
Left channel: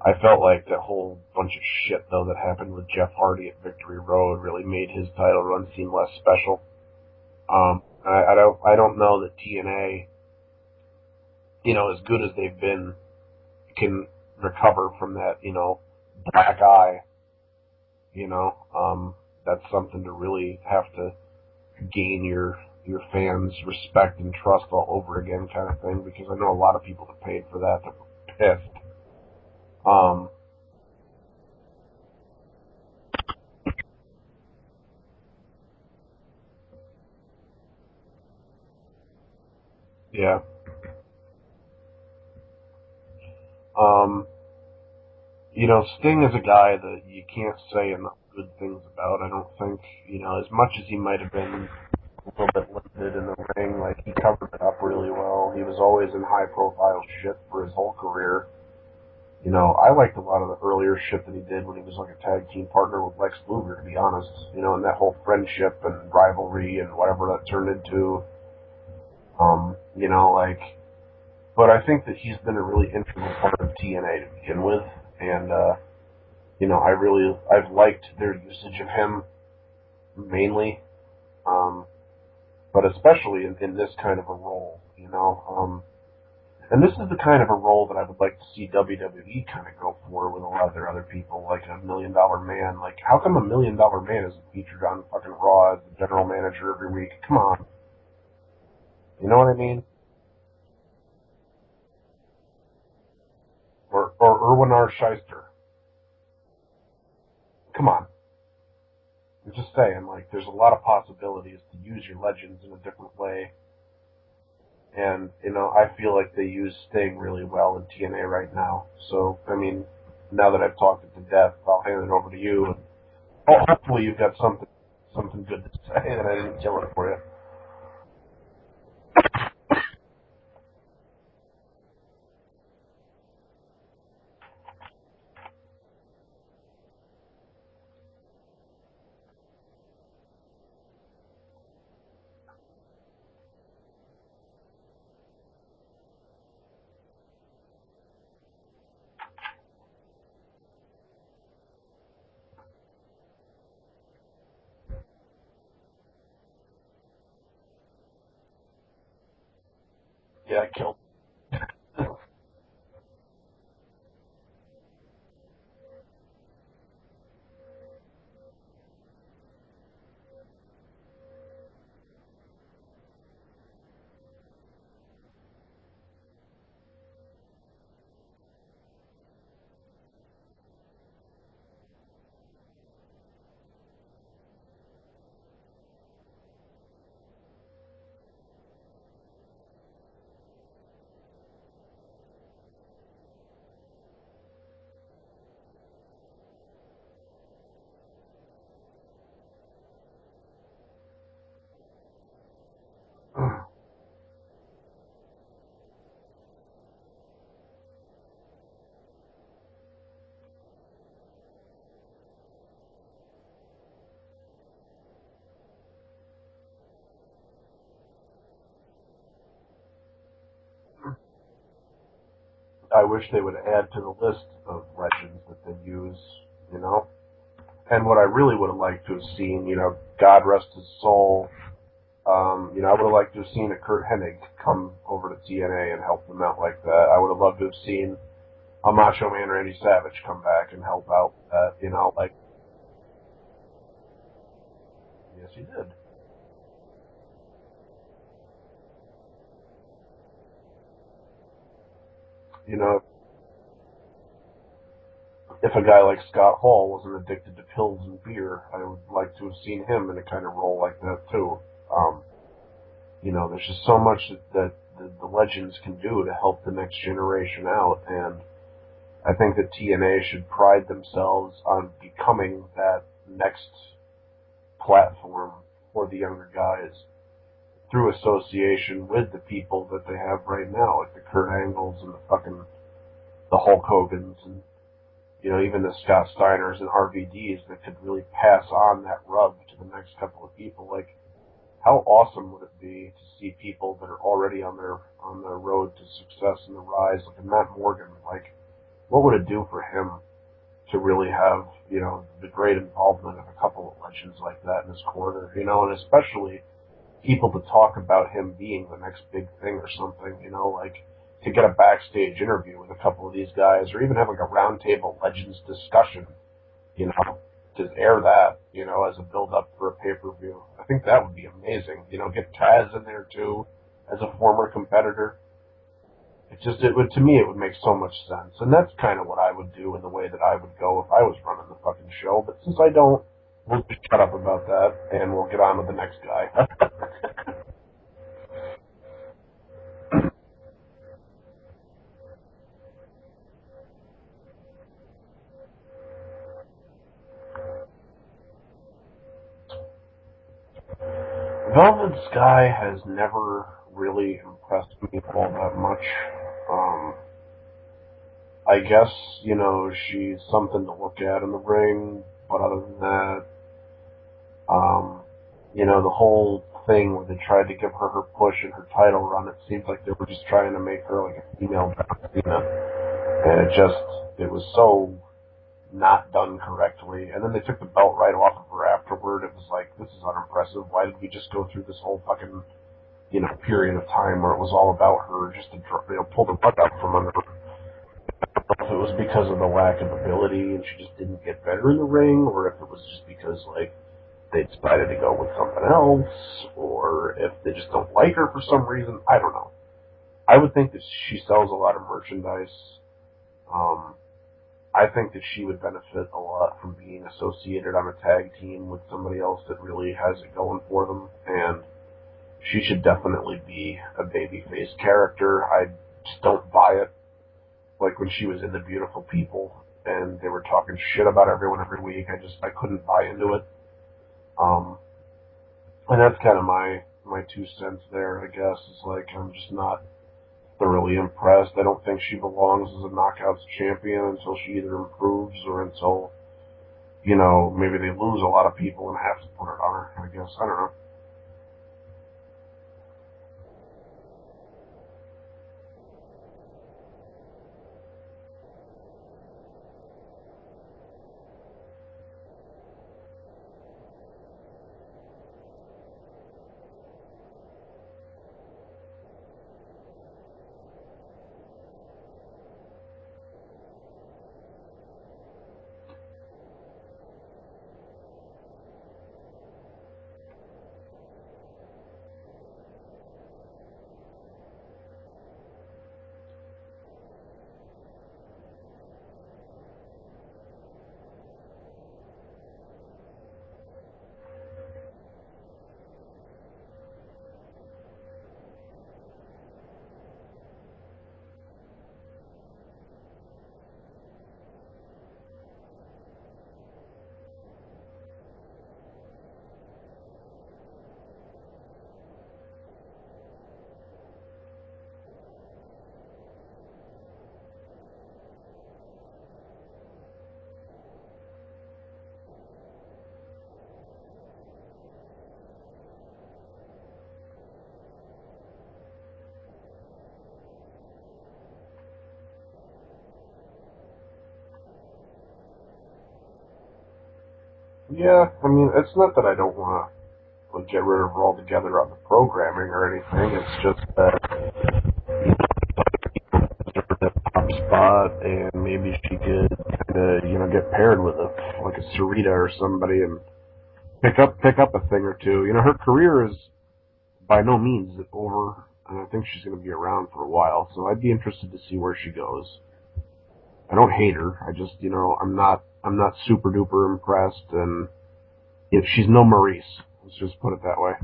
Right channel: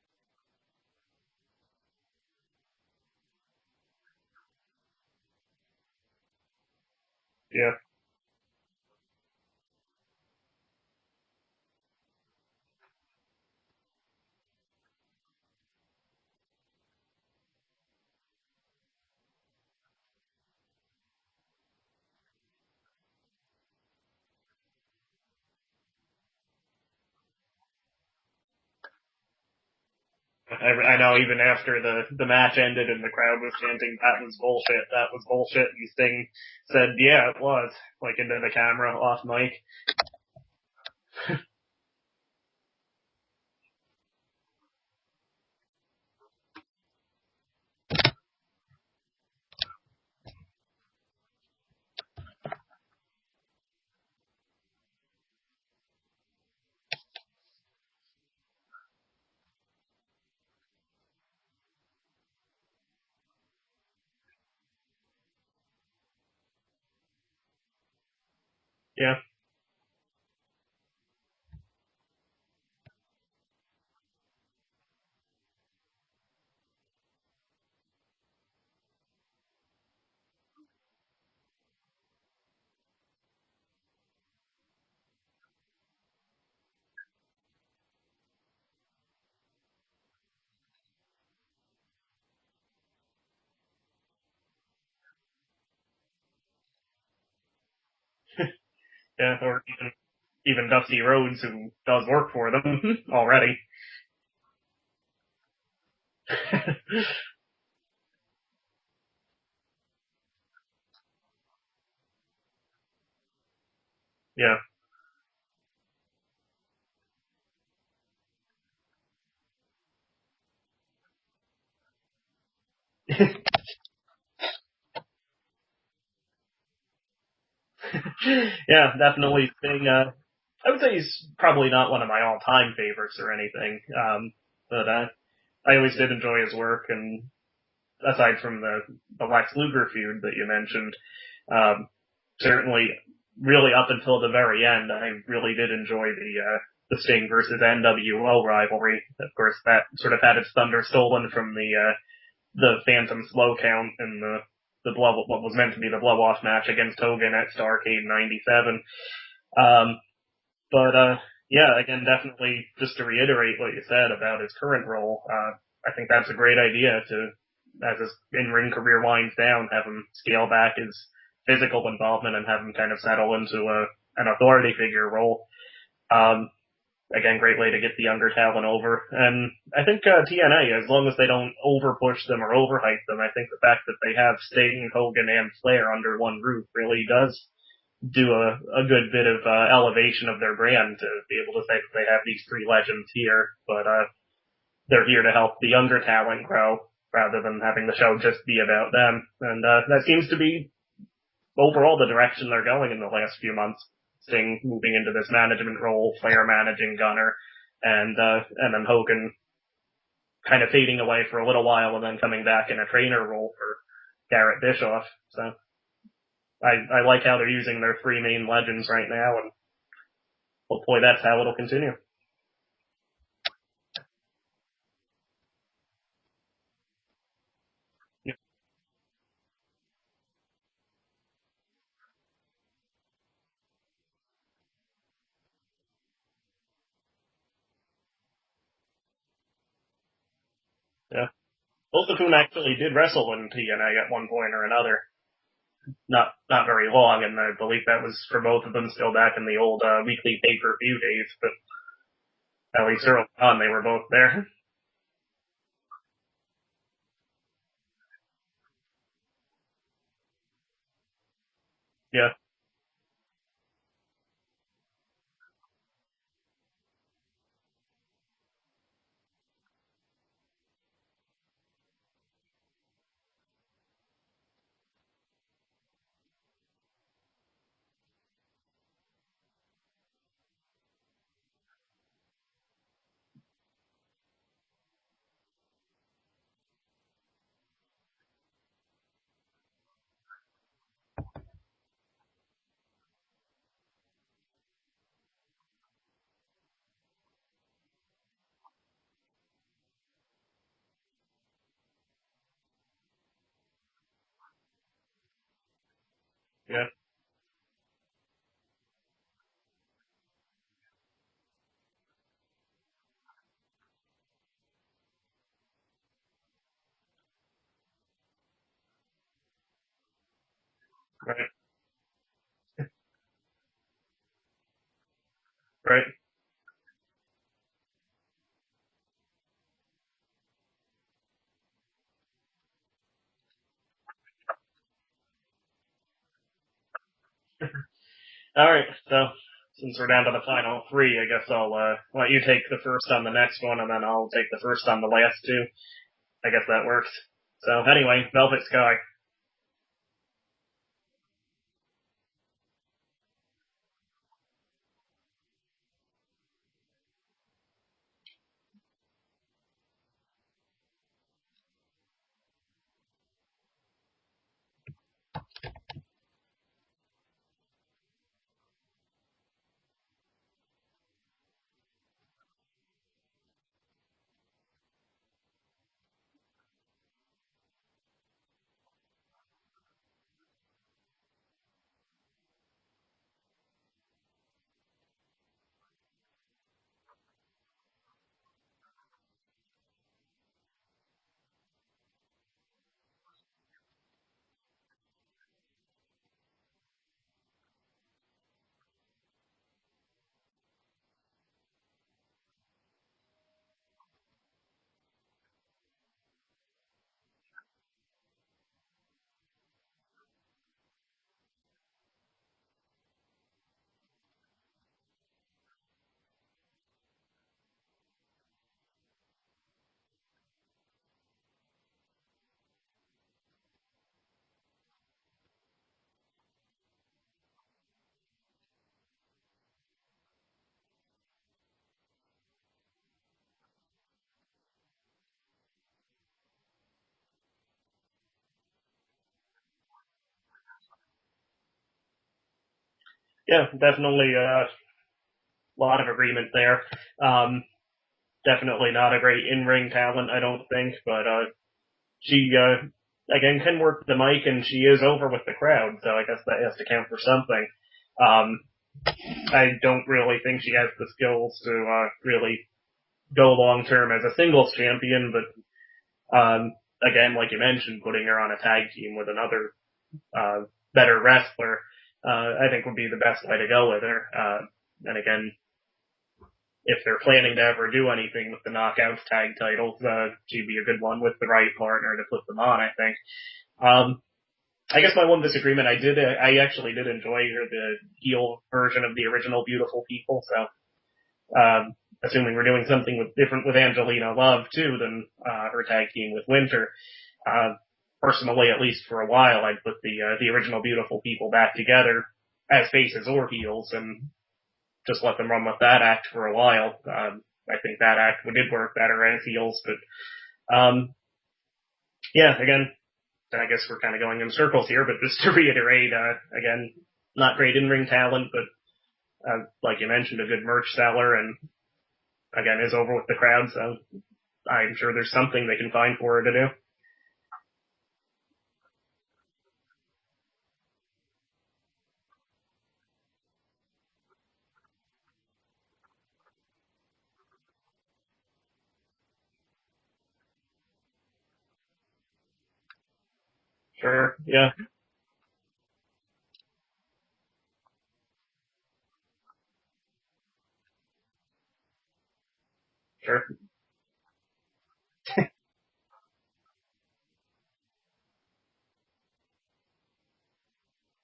I felt like that whole bunch of shit though that happened with Jeff Hardy at Victory Road really made his title run seem less special. Yeah. I don't know that TNA, as good as they've been, can recover from that, black eye. You know, that's something to really have to gain your fans' respect and trust all over again, kind of thing. Because I know a lot of people that paid for that that were pissed. Um, I know even after the match ended and the crowd was chanting, that was bullshit, and Sting said, yeah, it was, like into the camera, off mic. yeah. Um, Sting is a guy that you can't say enough good things about. I don't think, as much as he might have been a little bit limited in the ring, like, he covered it up really well. He was always in high profile shit for his whole career. I liked a lot of the earlier shit that he did when he was like a tag team partner with Lex Luger, to be honest. And that whole friendship and rivalry and whatever that turned into. Yeah. Like, but I think that he's been a really integral part of TNA to begin with, and I've liked their usage of him mainly, but especially in this kind of a role. And this is the kind of a role that I would like to see WWE kind of go for with a lot of their other people, like a $1 million man. Like, how come $1 million man isn't featured on fucking Raw as the general manager every week? Come on. You know what I mean? Even Dusty Rhodes, who does work for them already. Or Erwin R. Shyster. Come on. I'm just saying, like, there's a lot of possibilities to use your legends in a different way. Yeah. And, I feel like they use Sting really well in TNA right now. So, I mean, now that I've talked it to death, I'll hand it over to you. And hopefully you've got something good to say that I didn't kill it for you. Yeah, definitely Sting, I would say he's probably not one of my all-time favorites or anything, but I always did enjoy his work, and aside from the Lex Luger feud that you mentioned, certainly, really up until the very end, I really did enjoy the Sting versus NWO rivalry. Of course, that sort of had its thunder stolen from the Phantom Slow Count and what was meant to be the blow-off match against Hogan at Starrcade '97. Yeah, again, definitely just to reiterate what you said about his current role, I think that's a great idea to, as his in-ring career winds down, have him scale back his physical involvement and have him kind of settle into an authority figure role. Again, great way to get the younger talent over. And I think TNA, as long as they don't over-push them or overhype them, I think the fact that they have Sting, Hogan, and Flair under one roof really does do a good bit of elevation of their brand to be able to say that they have these three legends here, but they're here to help the younger talent grow rather than having the show just be about them. And that seems to be overall the direction they're going in the last few months. Sting moving into this management role, Flair managing Gunner, and then Hogan kind of fading away for a little while and then coming back in a trainer role for Garrett Bischoff. So I like how they're using their three main legends right now, and hopefully that's how it'll continue. I wish they would add to the list of legends that they use. And what I really would have liked to have seen, God rest his soul, I would have liked to have seen a Kurt Hennig come over to TNA and help them out like that. I would have loved to have seen a Macho Man Randy Savage come back and help out with that. Both of whom actually did wrestle in TNA at one point or another. Yes, he did. Not very long, and I believe that was for both of them still back in the old weekly pay-per-view days, but at least early on they were both there. If a guy like Scott Hall wasn't addicted to pills and beer, I would like to have seen him in a kind of role like that too. Yeah. There's just so much that the legends can do to help the next generation out, and I think that TNA should pride themselves on becoming that next platform for the younger guys through association with the people that they have right now, like the Kurt Angles and the Hulk Hogans and even the Scott Steiners and RVDs that could really pass on that rub to the next couple of people. Like, how awesome would it be to see people that are already on their road to success and the rise, like Matt Morgan? Like, what would it do for him to really have the great involvement of a couple of legends like that in his corner? And especially people to talk about him being the next big thing or something. Like, to get a backstage interview with a couple of these guys, or even have like a roundtable legends discussion, to air that, as a build-up for a pay-per-view. I think that would be amazing. Get Taz in there too, as a former competitor. Right. To me, it would make so much sense. And that's kind of what I would do in the way that I would go if I was running the fucking show. But since I don't, we'll just shut up about that, and we'll get on with the next guy. Alright, so since we're down to the final three, I guess I'll let you take the first on the next one, and then I'll take the first on the last two. I guess that works. So anyway, Velvet Sky. Velvet Sky has never really impressed me all that much. I guess, she's something to look at in the ring, but other than that, the whole thing where they tried to give her push in her title run, it seems like they were just trying to make her like a female John Cena. And it was so not done correctly. And then they took the belt right off of her afterward. It was like, this is unimpressive. Why did we just go through this whole fucking, period of time where it was all about her just to, pull the rug out from under her? If it was because of the lack of ability and she just didn't get better in the ring, or if it was just because, like, they decided to go with something else, or if they just don't like her for some reason. I don't know. I would think that she sells a lot of merchandise. I think that she would benefit a lot from being associated on a tag team with somebody else that really has it going for them, and she should definitely be a babyface character. I just don't buy it. Like when she was in The Beautiful People and they were talking shit about everyone every week, I couldn't buy into it. And that's kind of my 2 cents there, I guess. It's like, I'm just not thoroughly impressed. I don't think she belongs as a Knockouts champion until she either improves or until, maybe they lose a lot of people and have to put it on her, I guess. I don't know. Yeah, definitely a lot of agreement there. Definitely not a great in-ring talent, I don't think, but she, again, can work the mic, and she is over with the crowd, so I guess that has to count for something. I don't really think she has the skills to really go long-term as a singles champion, but again, like you mentioned, putting her on a tag team with another better wrestler, I think would be the best way to go with her. And again, if they're planning to ever do anything with the Knockouts tag titles, she'd be a good one with the right partner to put them on, I think. I guess my one disagreement, I actually did enjoy the heel version of the original Beautiful People, so, assuming we're doing something different with Angelina Love, too, than, her tag team with Winter, personally, at least for a while, I'd put the original Beautiful People back together as faces or heels, and just let them run with that act for a while. I think that act did work better as heels, but, yeah, again, I guess we're kind of going in circles here, but just to reiterate, again, not great in-ring talent, but, like you mentioned, a good merch seller, and, again, is over with the crowd, so I'm sure there's something they can find for her to do. Yeah, I mean, it's not that I don't want to get rid of her altogether on the programming or anything, it's just that that top spot, and maybe she could kind of, get paired with like a Sarita or somebody and pick up a thing or two. Her career is by no means over, and I think she's going to be around for a while, so I'd be interested to see where she goes. Sure. I don't hate her. I just, I'm not super duper impressed, and if she's no Maurice, let's just put it that way.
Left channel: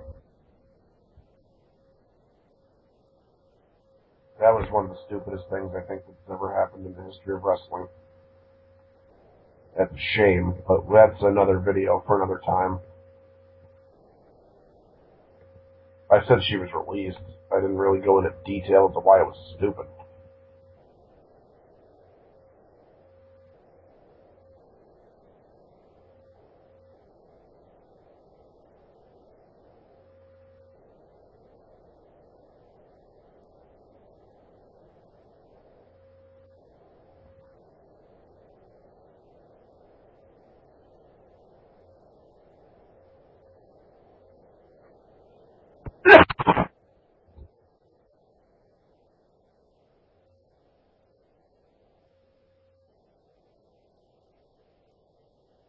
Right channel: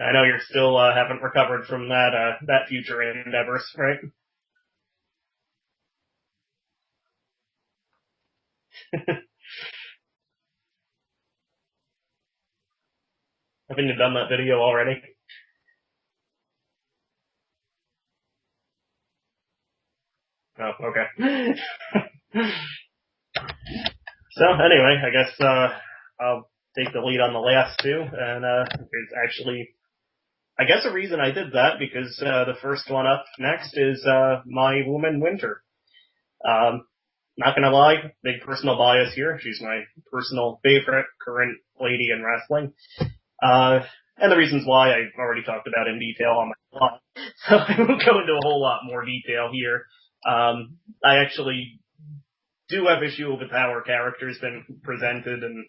I know you're still haven't recovered from that future endeavors, right? That was one of the stupidest things I think that's ever happened in the history of wrestling. That's a shame, but that's another video for another time. Haven't you done that video already? I said she was released. I didn't really go into detail as to why it was stupid. Oh, okay. So, anyway, I guess, I'll take the lead on the last two, and, it's actually, I guess a reason I did that, because, the first one up next is, my woman, Winter. Not gonna lie, big personal bias here. She's my personal favorite current lady in wrestling. And the reasons why I've already talked about in detail on the blog. So I won't go into a whole lot more detail here. I actually do have issue with how her character's been presented, and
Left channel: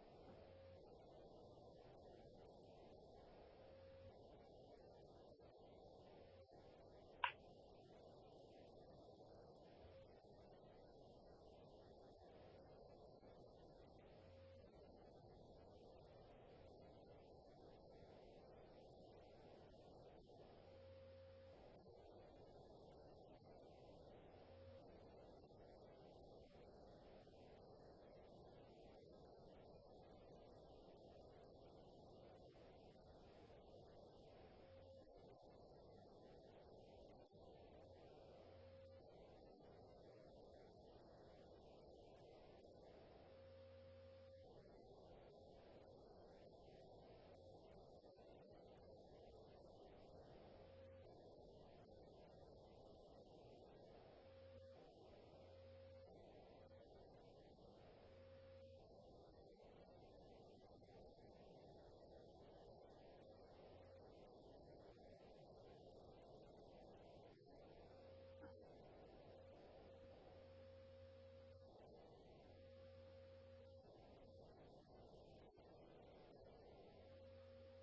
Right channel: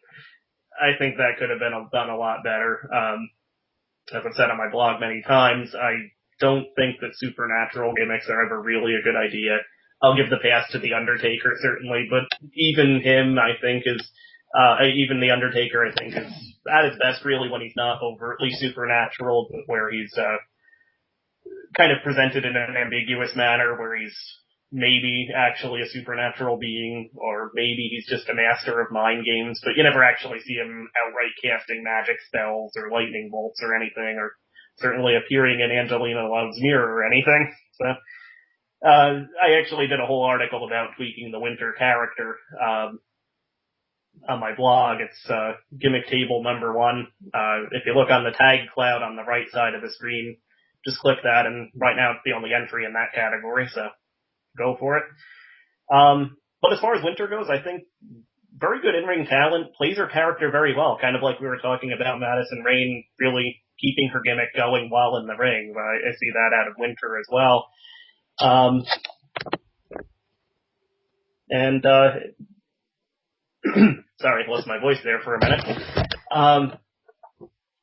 I think that could have been done a lot better. As I've said on my blog many times, I don't think that supernatural gimmicks are ever really a good idea. I'll give the pass to The Undertaker, certainly, but even him, I think, is, even The Undertaker, I think, is at his best, really, when he's not overtly supernatural, but where he's, kind of presented in an ambiguous manner, where he's maybe actually a supernatural being, or maybe he's just a master of mind games, but you never actually see him outright casting magic spells, or lightning bolts, or anything, or certainly appearing in Angelina Love's mirror or anything, so... I actually did a whole article about tweaking the Winter character, on my blog. It's, gimmick table number 1. If you look on the tag cloud on the right side of the screen, just click that, and right now it's the only entry in that category, so go for it. But as far as Winter goes, I think very good in-ring talent, plays her character very well, kind of like we were talking about Madison Rayne really keeping her gimmick going while in the ring. I see that out of Winter as well. Sorry, lost my voice there for a minute.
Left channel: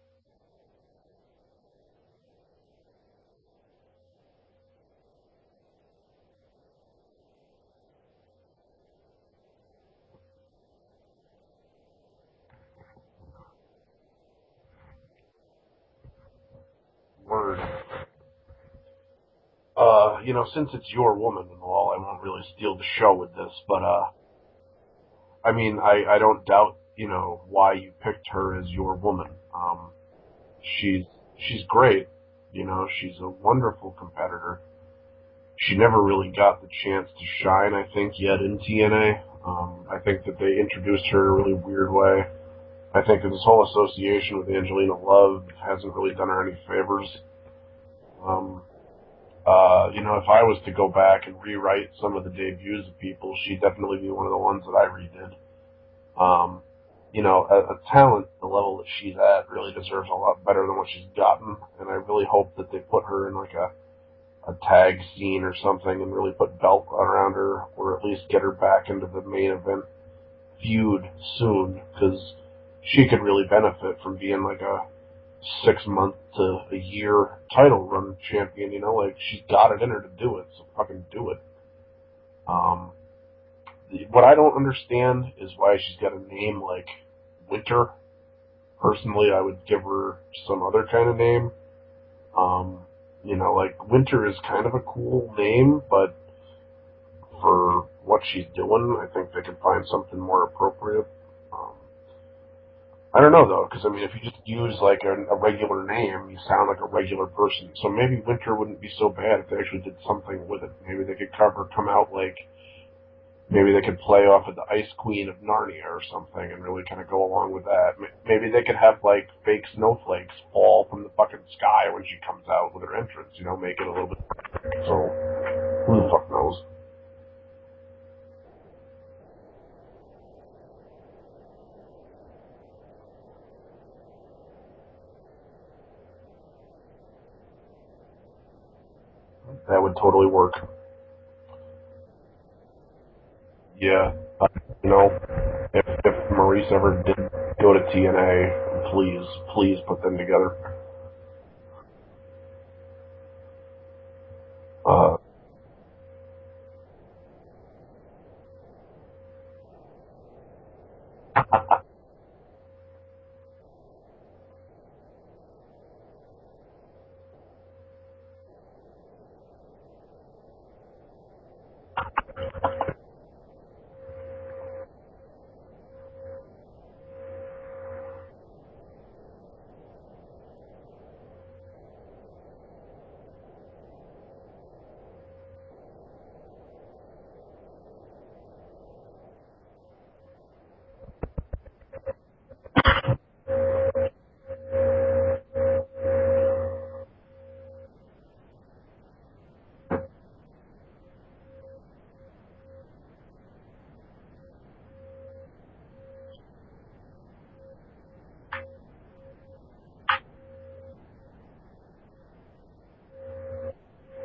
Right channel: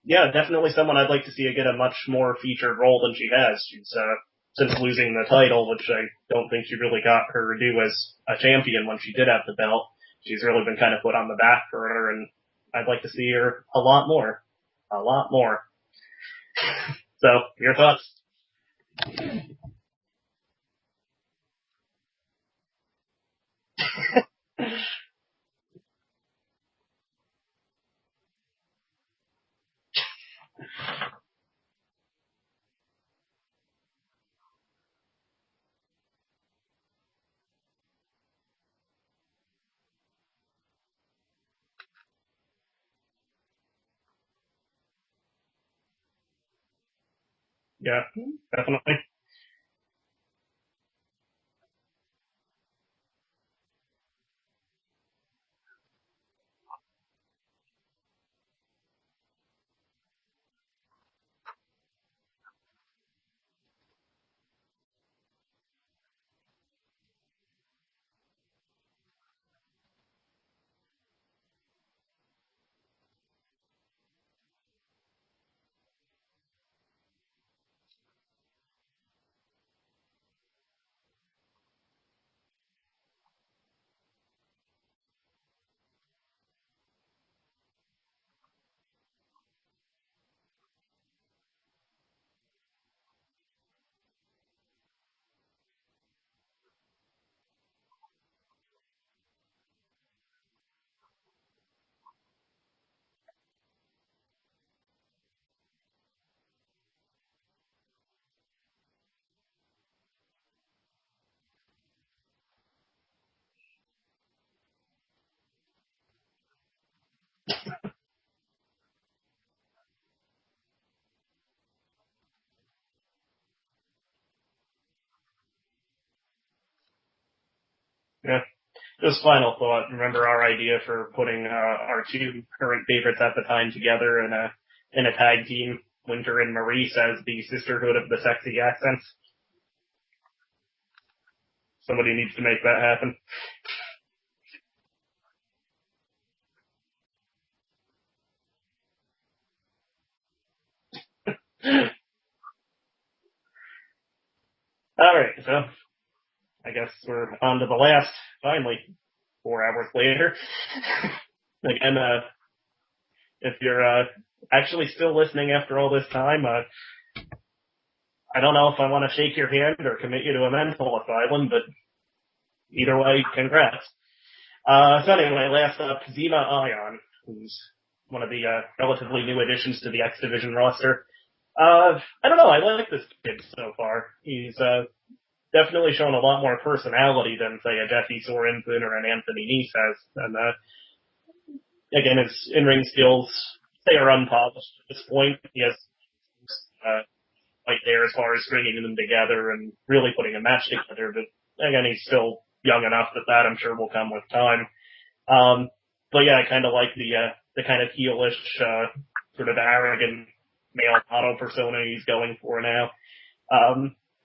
Yeah, definitely someone I'd like to see get a much more featured role than she has. She's, since losing the title, which I don't think she really got her due as a champion when she did have the belt, she's really been kind of put on the back burner, and I'd like to see her a lot more. A lot more. So, your thoughts? Since it's your woman and all, I won't really steal the show with this, but, I mean, I don't doubt, why you picked her as your woman. She's great, she's a wonderful competitor. She never really got the chance to shine, I think, yet in TNA. I think that they introduced her in a really weird way. I think that this whole association with Angelina Love hasn't really done her any favors. Yeah, definitely. If I was to go back and rewrite some of the debuts of people, she'd definitely be one of the ones that I redid. A talent, the level that she's at, really deserves a lot better than what she's gotten, and I really hope that they put her in like a tag scene or something and really put belt around her, or at least get her back into the main event feud soon, because she could really benefit from being like a 6-month to a year title run champion, she's got it in her to do it, so fucking do it. What I don't understand is why she's got a name like Winter. Personally, I would give her some other kind of name. Winter is kind of a cool name, but for what she's doing, I think they can find something more appropriate. I don't know, though, because, if you just use, a regular name, you sound like a regular person. So maybe Winter wouldn't be so bad if they actually did something with it. Maybe they could come out maybe they could play off of the Ice Queen of Narnia or something and really kind of go along with that. Maybe they could have, fake snowflakes fall from the fucking sky when she comes out with her entrance, make it a little bit... So, who the fuck knows? Yeah. Just final thought. Remember our idea for putting our two current favorites at the time together in a tag team, Winter and Maurice, as the Sisterhood of the Sexy Accents? That would totally work. Somebody needs to make that happen. Yeah. If Maurice ever did go to TNA, please put them together. Alright, so I guess we're on to the last, finally, 4 hours later. Again, if you're actually still listening after all this time, I don't know if I want to shake your hand or commit you to a mental asylum, but either way, congrats. So anyway, last up, Zima Ion, who's one of the relatively new additions to the X Division roster. I don't know, I like this kid so far. He's definitely shown a lot more personality than, say, a Jesse Sorensen or an Anthony Nese has. And again, his in-ring skills, they are unpolished at this point. He has right there as far as stringing them together and really putting a match together. But again, he's still young enough that I'm sure will come with time. But yeah, I kind of like the kind of heelish, sort of arrogant male model persona he's going for now.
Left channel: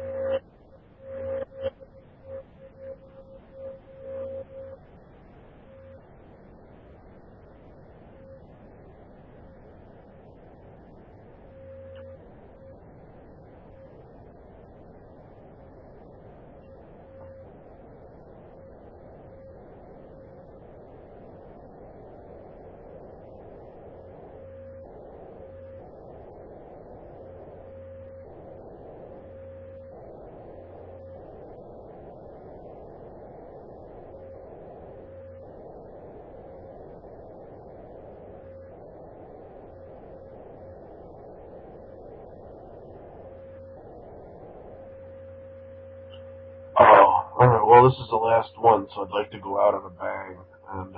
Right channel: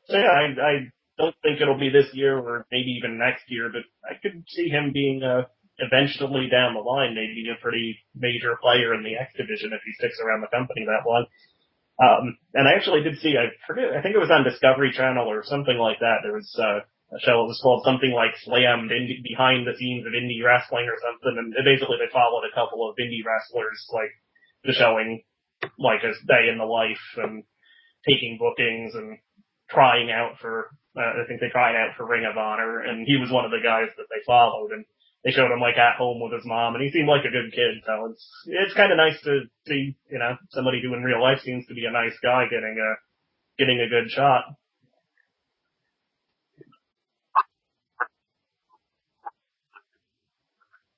So yeah, I don't think it'll be this year or maybe even next year, but I could see him being eventually down the line, maybe a pretty major player in the X division if he sticks around the company that long. And I actually did see, I forget, I think it was on Discovery Channel or something like that. There was a show that was called something like Slammed, Behind the Scenes of Indie Wrestling or something, and basically they followed a couple of indie wrestlers, like, just showing, like, a day in the life and taking bookings and trying out for, I think they tried out for Ring of Honor, and he was one of the guys that they followed, and they showed him, like, at home with his mom, and he seemed like a good kid, so it's kind of nice to see, you know, somebody who in real life seems to be a nice guy getting a good shot. Oh, alright, well, this is the last one, so I'd like to go out on a bang, and,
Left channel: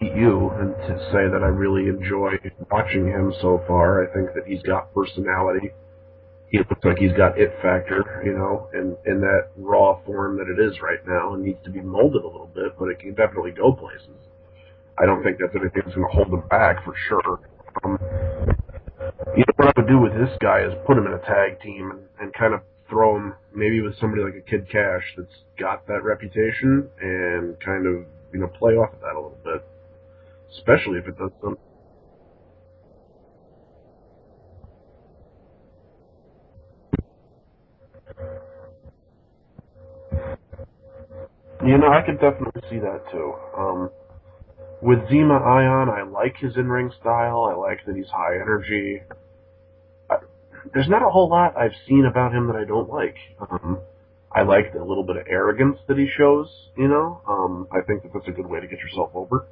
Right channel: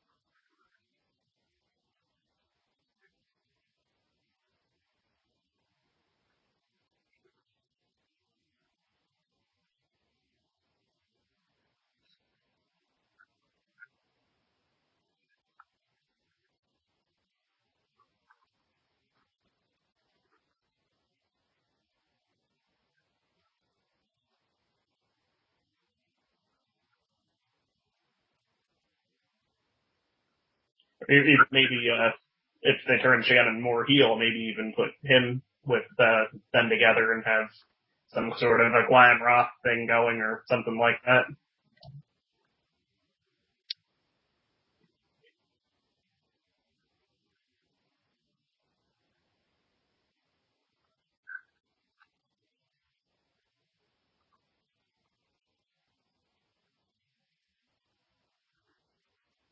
you and to say that I really enjoy watching him so far. I think that he's got personality. He looks like he's got it factor, you know, and in that raw form that it is right now. It needs to be molded a little bit, but it can definitely go places. I don't think that's anything that's going to hold him back for sure. You know what I would do with this guy is put him in a tag team and kind of throw him maybe with somebody like a Kid Cash that's got that reputation and kind of, you know, play off of that a little bit. Especially if it maybe if they turn Shannon Moore heel, maybe even put him with them together and have some sort of a glam rock thing going or something like that. You know, I could definitely see that too. With Zima Ion, I like his in-ring style. I like that he's high energy. There's not a whole lot I've seen about him that I don't like. I like the little bit of arrogance that he shows, you know. I think that that's a good way to get yourself over.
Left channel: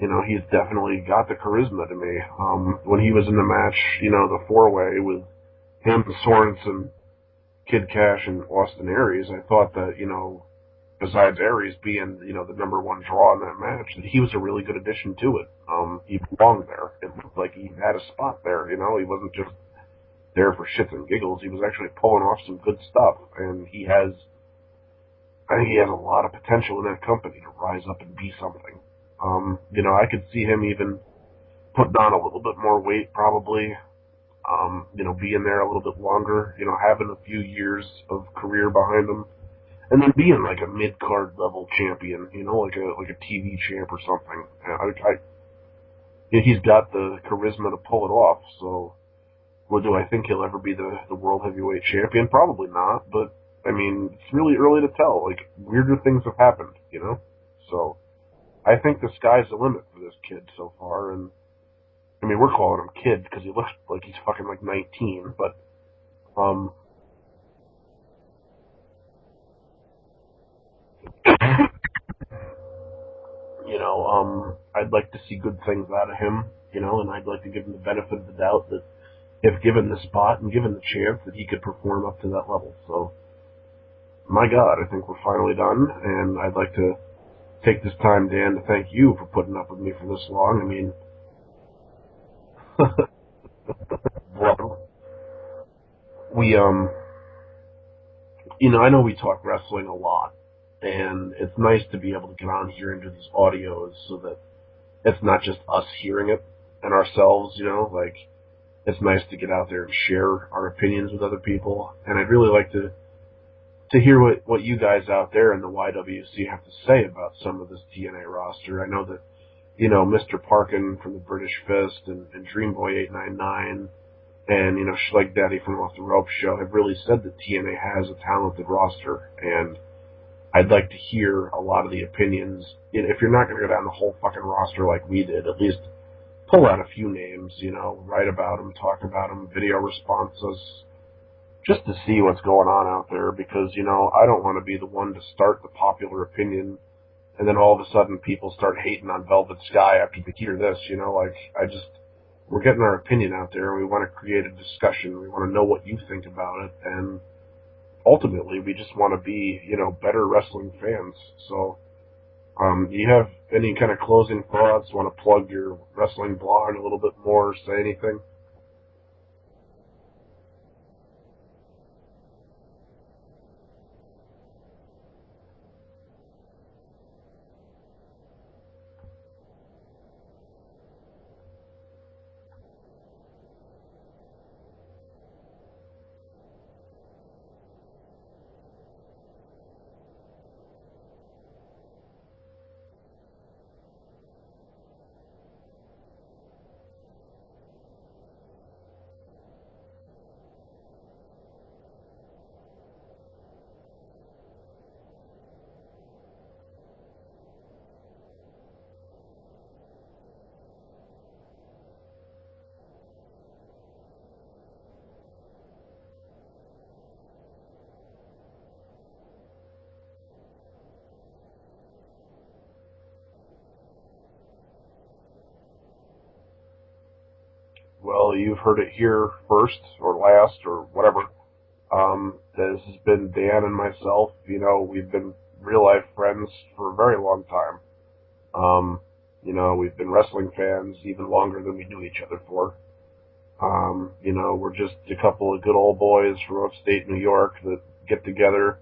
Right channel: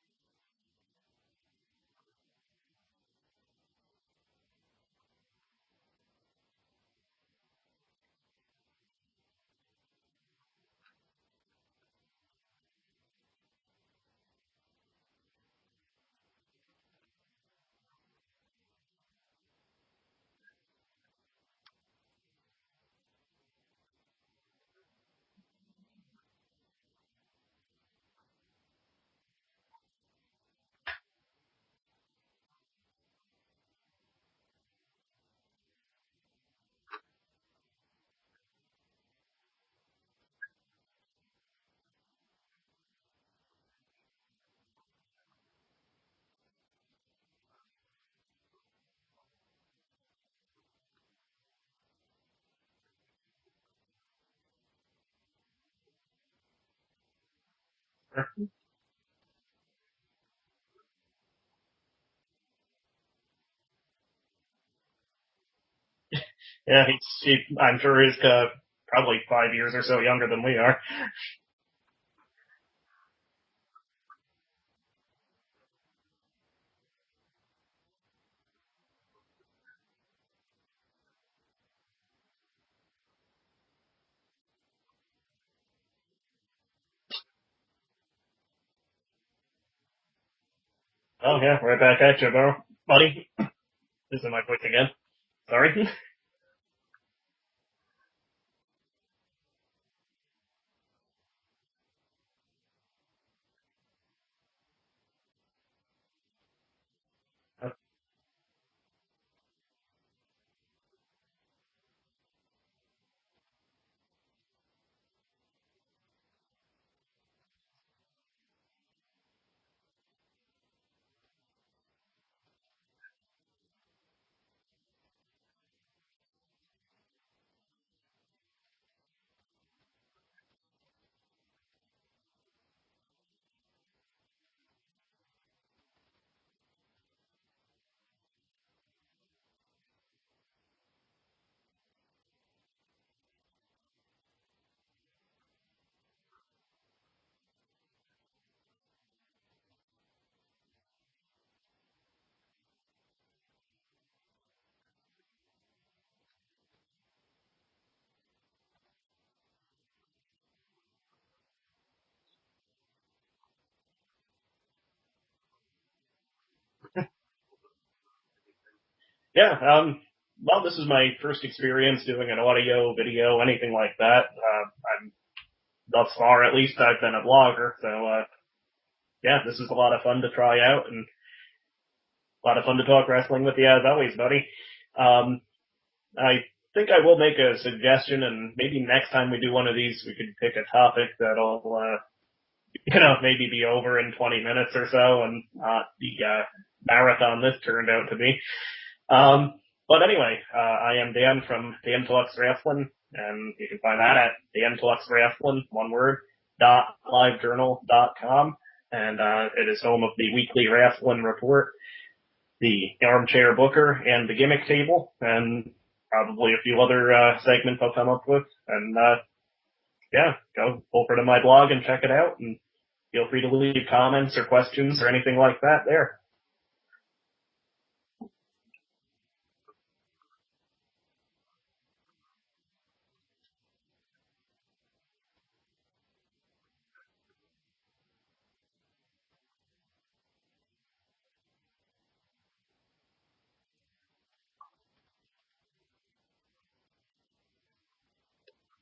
You know, he's definitely got the charisma to me. When he was in the match, you know, the four-way with him, Sorensen, Kid Cash, and Austin Aries, I thought that, you know, besides Aries being, you know, the number one draw in that match, that he was a really good addition to it. He belonged there. It looked like he had a spot there, you know. He wasn't just there for shits and giggles. He was actually pulling off some good stuff, and I think he has a lot of potential in that company to rise up and be something. You know, I could see him even putting on a little bit more weight, probably. You know, being there a little bit longer. You know, having a few years of career behind him, and then being like a mid-card level champion. You know, like a TV champ or something. He's got the charisma to pull it off. So, well, do I think he'll ever be the world heavyweight champion? Probably not. But I mean, it's really early to tell. Like, weirder things have happened. You know, so. I think the sky's the limit for this kid so far, and I mean, we're calling him kid because he looks like he's fucking like 19, but yeah, I'm sure he's probably 5 years or so younger than we are. You know, I'd like to see good things out of him, you know, and I'd like to give him the benefit of the doubt that if given the spot and given the chance that he could perform up to that level. So, my God, I think we're finally done, and I'd like to take this time, Dan, to thank you for putting up with me for this long. I mean... Oh, yeah, right back at you, bro. Buddy. This is my voice again. Sorry. We, you know, I know we talk wrestling a lot, and it's nice to be able to get on here and do these audios so that it's not just us hearing it and ourselves, you know, like, it's nice to get out there and share our opinions with other people, and I'd really like to hear what you guys out there in the YWC have to say about some of this TNA roster. I know that, you know, Mr. Parkin from the British Fist and Dreamboy 899 and, you know, Schleg Daddy from Off the Rope Show have really said that TNA has a talented roster, and I'd like to hear a lot of the opinions. If you're not going to go down the whole fucking roster like we did, at least pull out a few names, write about them, talk about them, video responses, just to see what's going on out there because, I don't want to be the one to start the popular opinion and then all of a sudden people start hating on Velvet Sky after they hear this, we're getting our opinion out there and we want to create a discussion. We want to know what you think about it and ultimately we just want to be, better wrestling fans. So, do you have any kind of closing thoughts? Want to plug your wrestling blog a little bit more? Say anything? Yeah, well, this is my first experience doing an audio, video, anything like that. I'm, thus far at least, I've been a blogger, so, yeah, this is a lot of fun to try out, and a lot of fun to talk wrestling with you as always, buddy. I think I will make a suggestion, and maybe next time we do one of these, we could pick a topic that'll, maybe be over in 20 minutes or so, and not the marathon this turned out to be. But anyway, I am Dan from Dan Talks Wrestling, and you can find that at Dan Talks Wrestling, one word, .livejournal.com, and it is home of the weekly wrestling report, the armchair booker, and the gimmick table, and probably a few other segments I'll come up with. And yeah, go over to my blog and check it out, and feel free to leave comments or questions or anything like that there. Well, you've heard it here first or last or whatever. This has been Dan and myself. We've been real life friends for a very long time. We've been wrestling fans even longer than we knew each other for. We're just a couple of good old boys from upstate New York that get together,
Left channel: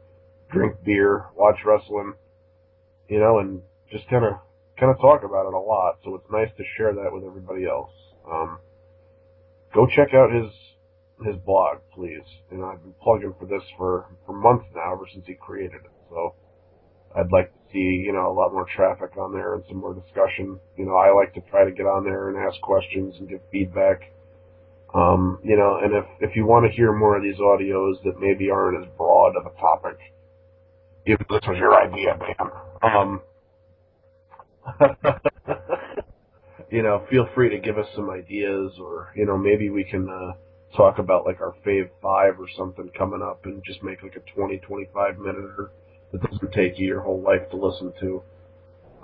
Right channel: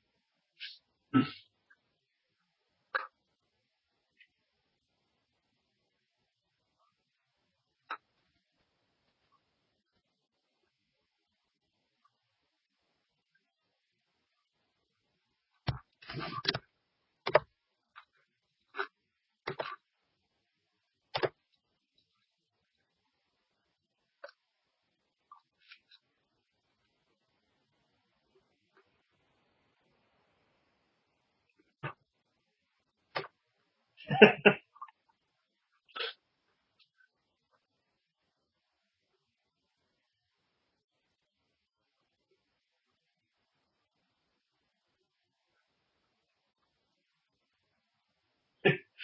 drink beer, watch wrestling, and just kind of talk about it a lot. So it's nice to share that with everybody else. Go check out his blog, please. I've been plugging for this for months now, ever since he created it. So I'd like to see, a lot more traffic on there and some more discussion. I like to try to get on there and ask questions and give feedback. And if you want to hear more of these audios that maybe aren't as broad of a topic, if this was your idea, man, feel free to give us some ideas or, maybe we can, talk about like our fave 5 or something coming up and just make like a 20-25 minute that doesn't take you your whole life to listen to.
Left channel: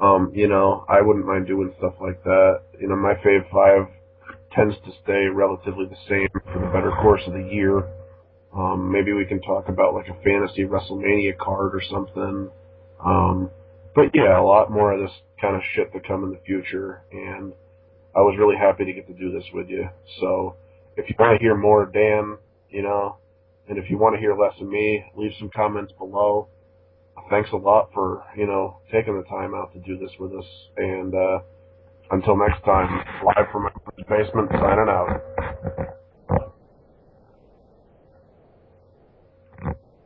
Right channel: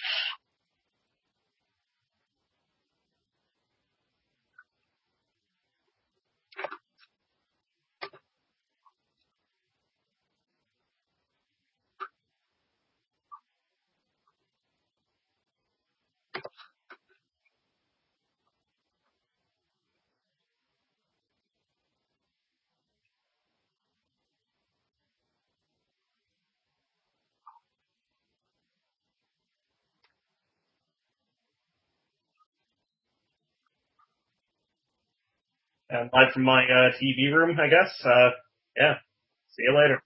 I wouldn't mind doing stuff like that. My fave 5 tends to stay relatively the same for the better course of the year. Maybe we can talk about like a fantasy WrestleMania card or something. But yeah, a lot more of this kind of shit to come in the future, and I was really happy to get to do this with you. So if you want to hear more of Dan, and if you want to hear less of me, leave some comments below. Thanks a lot for, taking the time out to do this with us. And until next time, live from my basement, signing out. And live from my TV room, I guess. Yeah. See you later.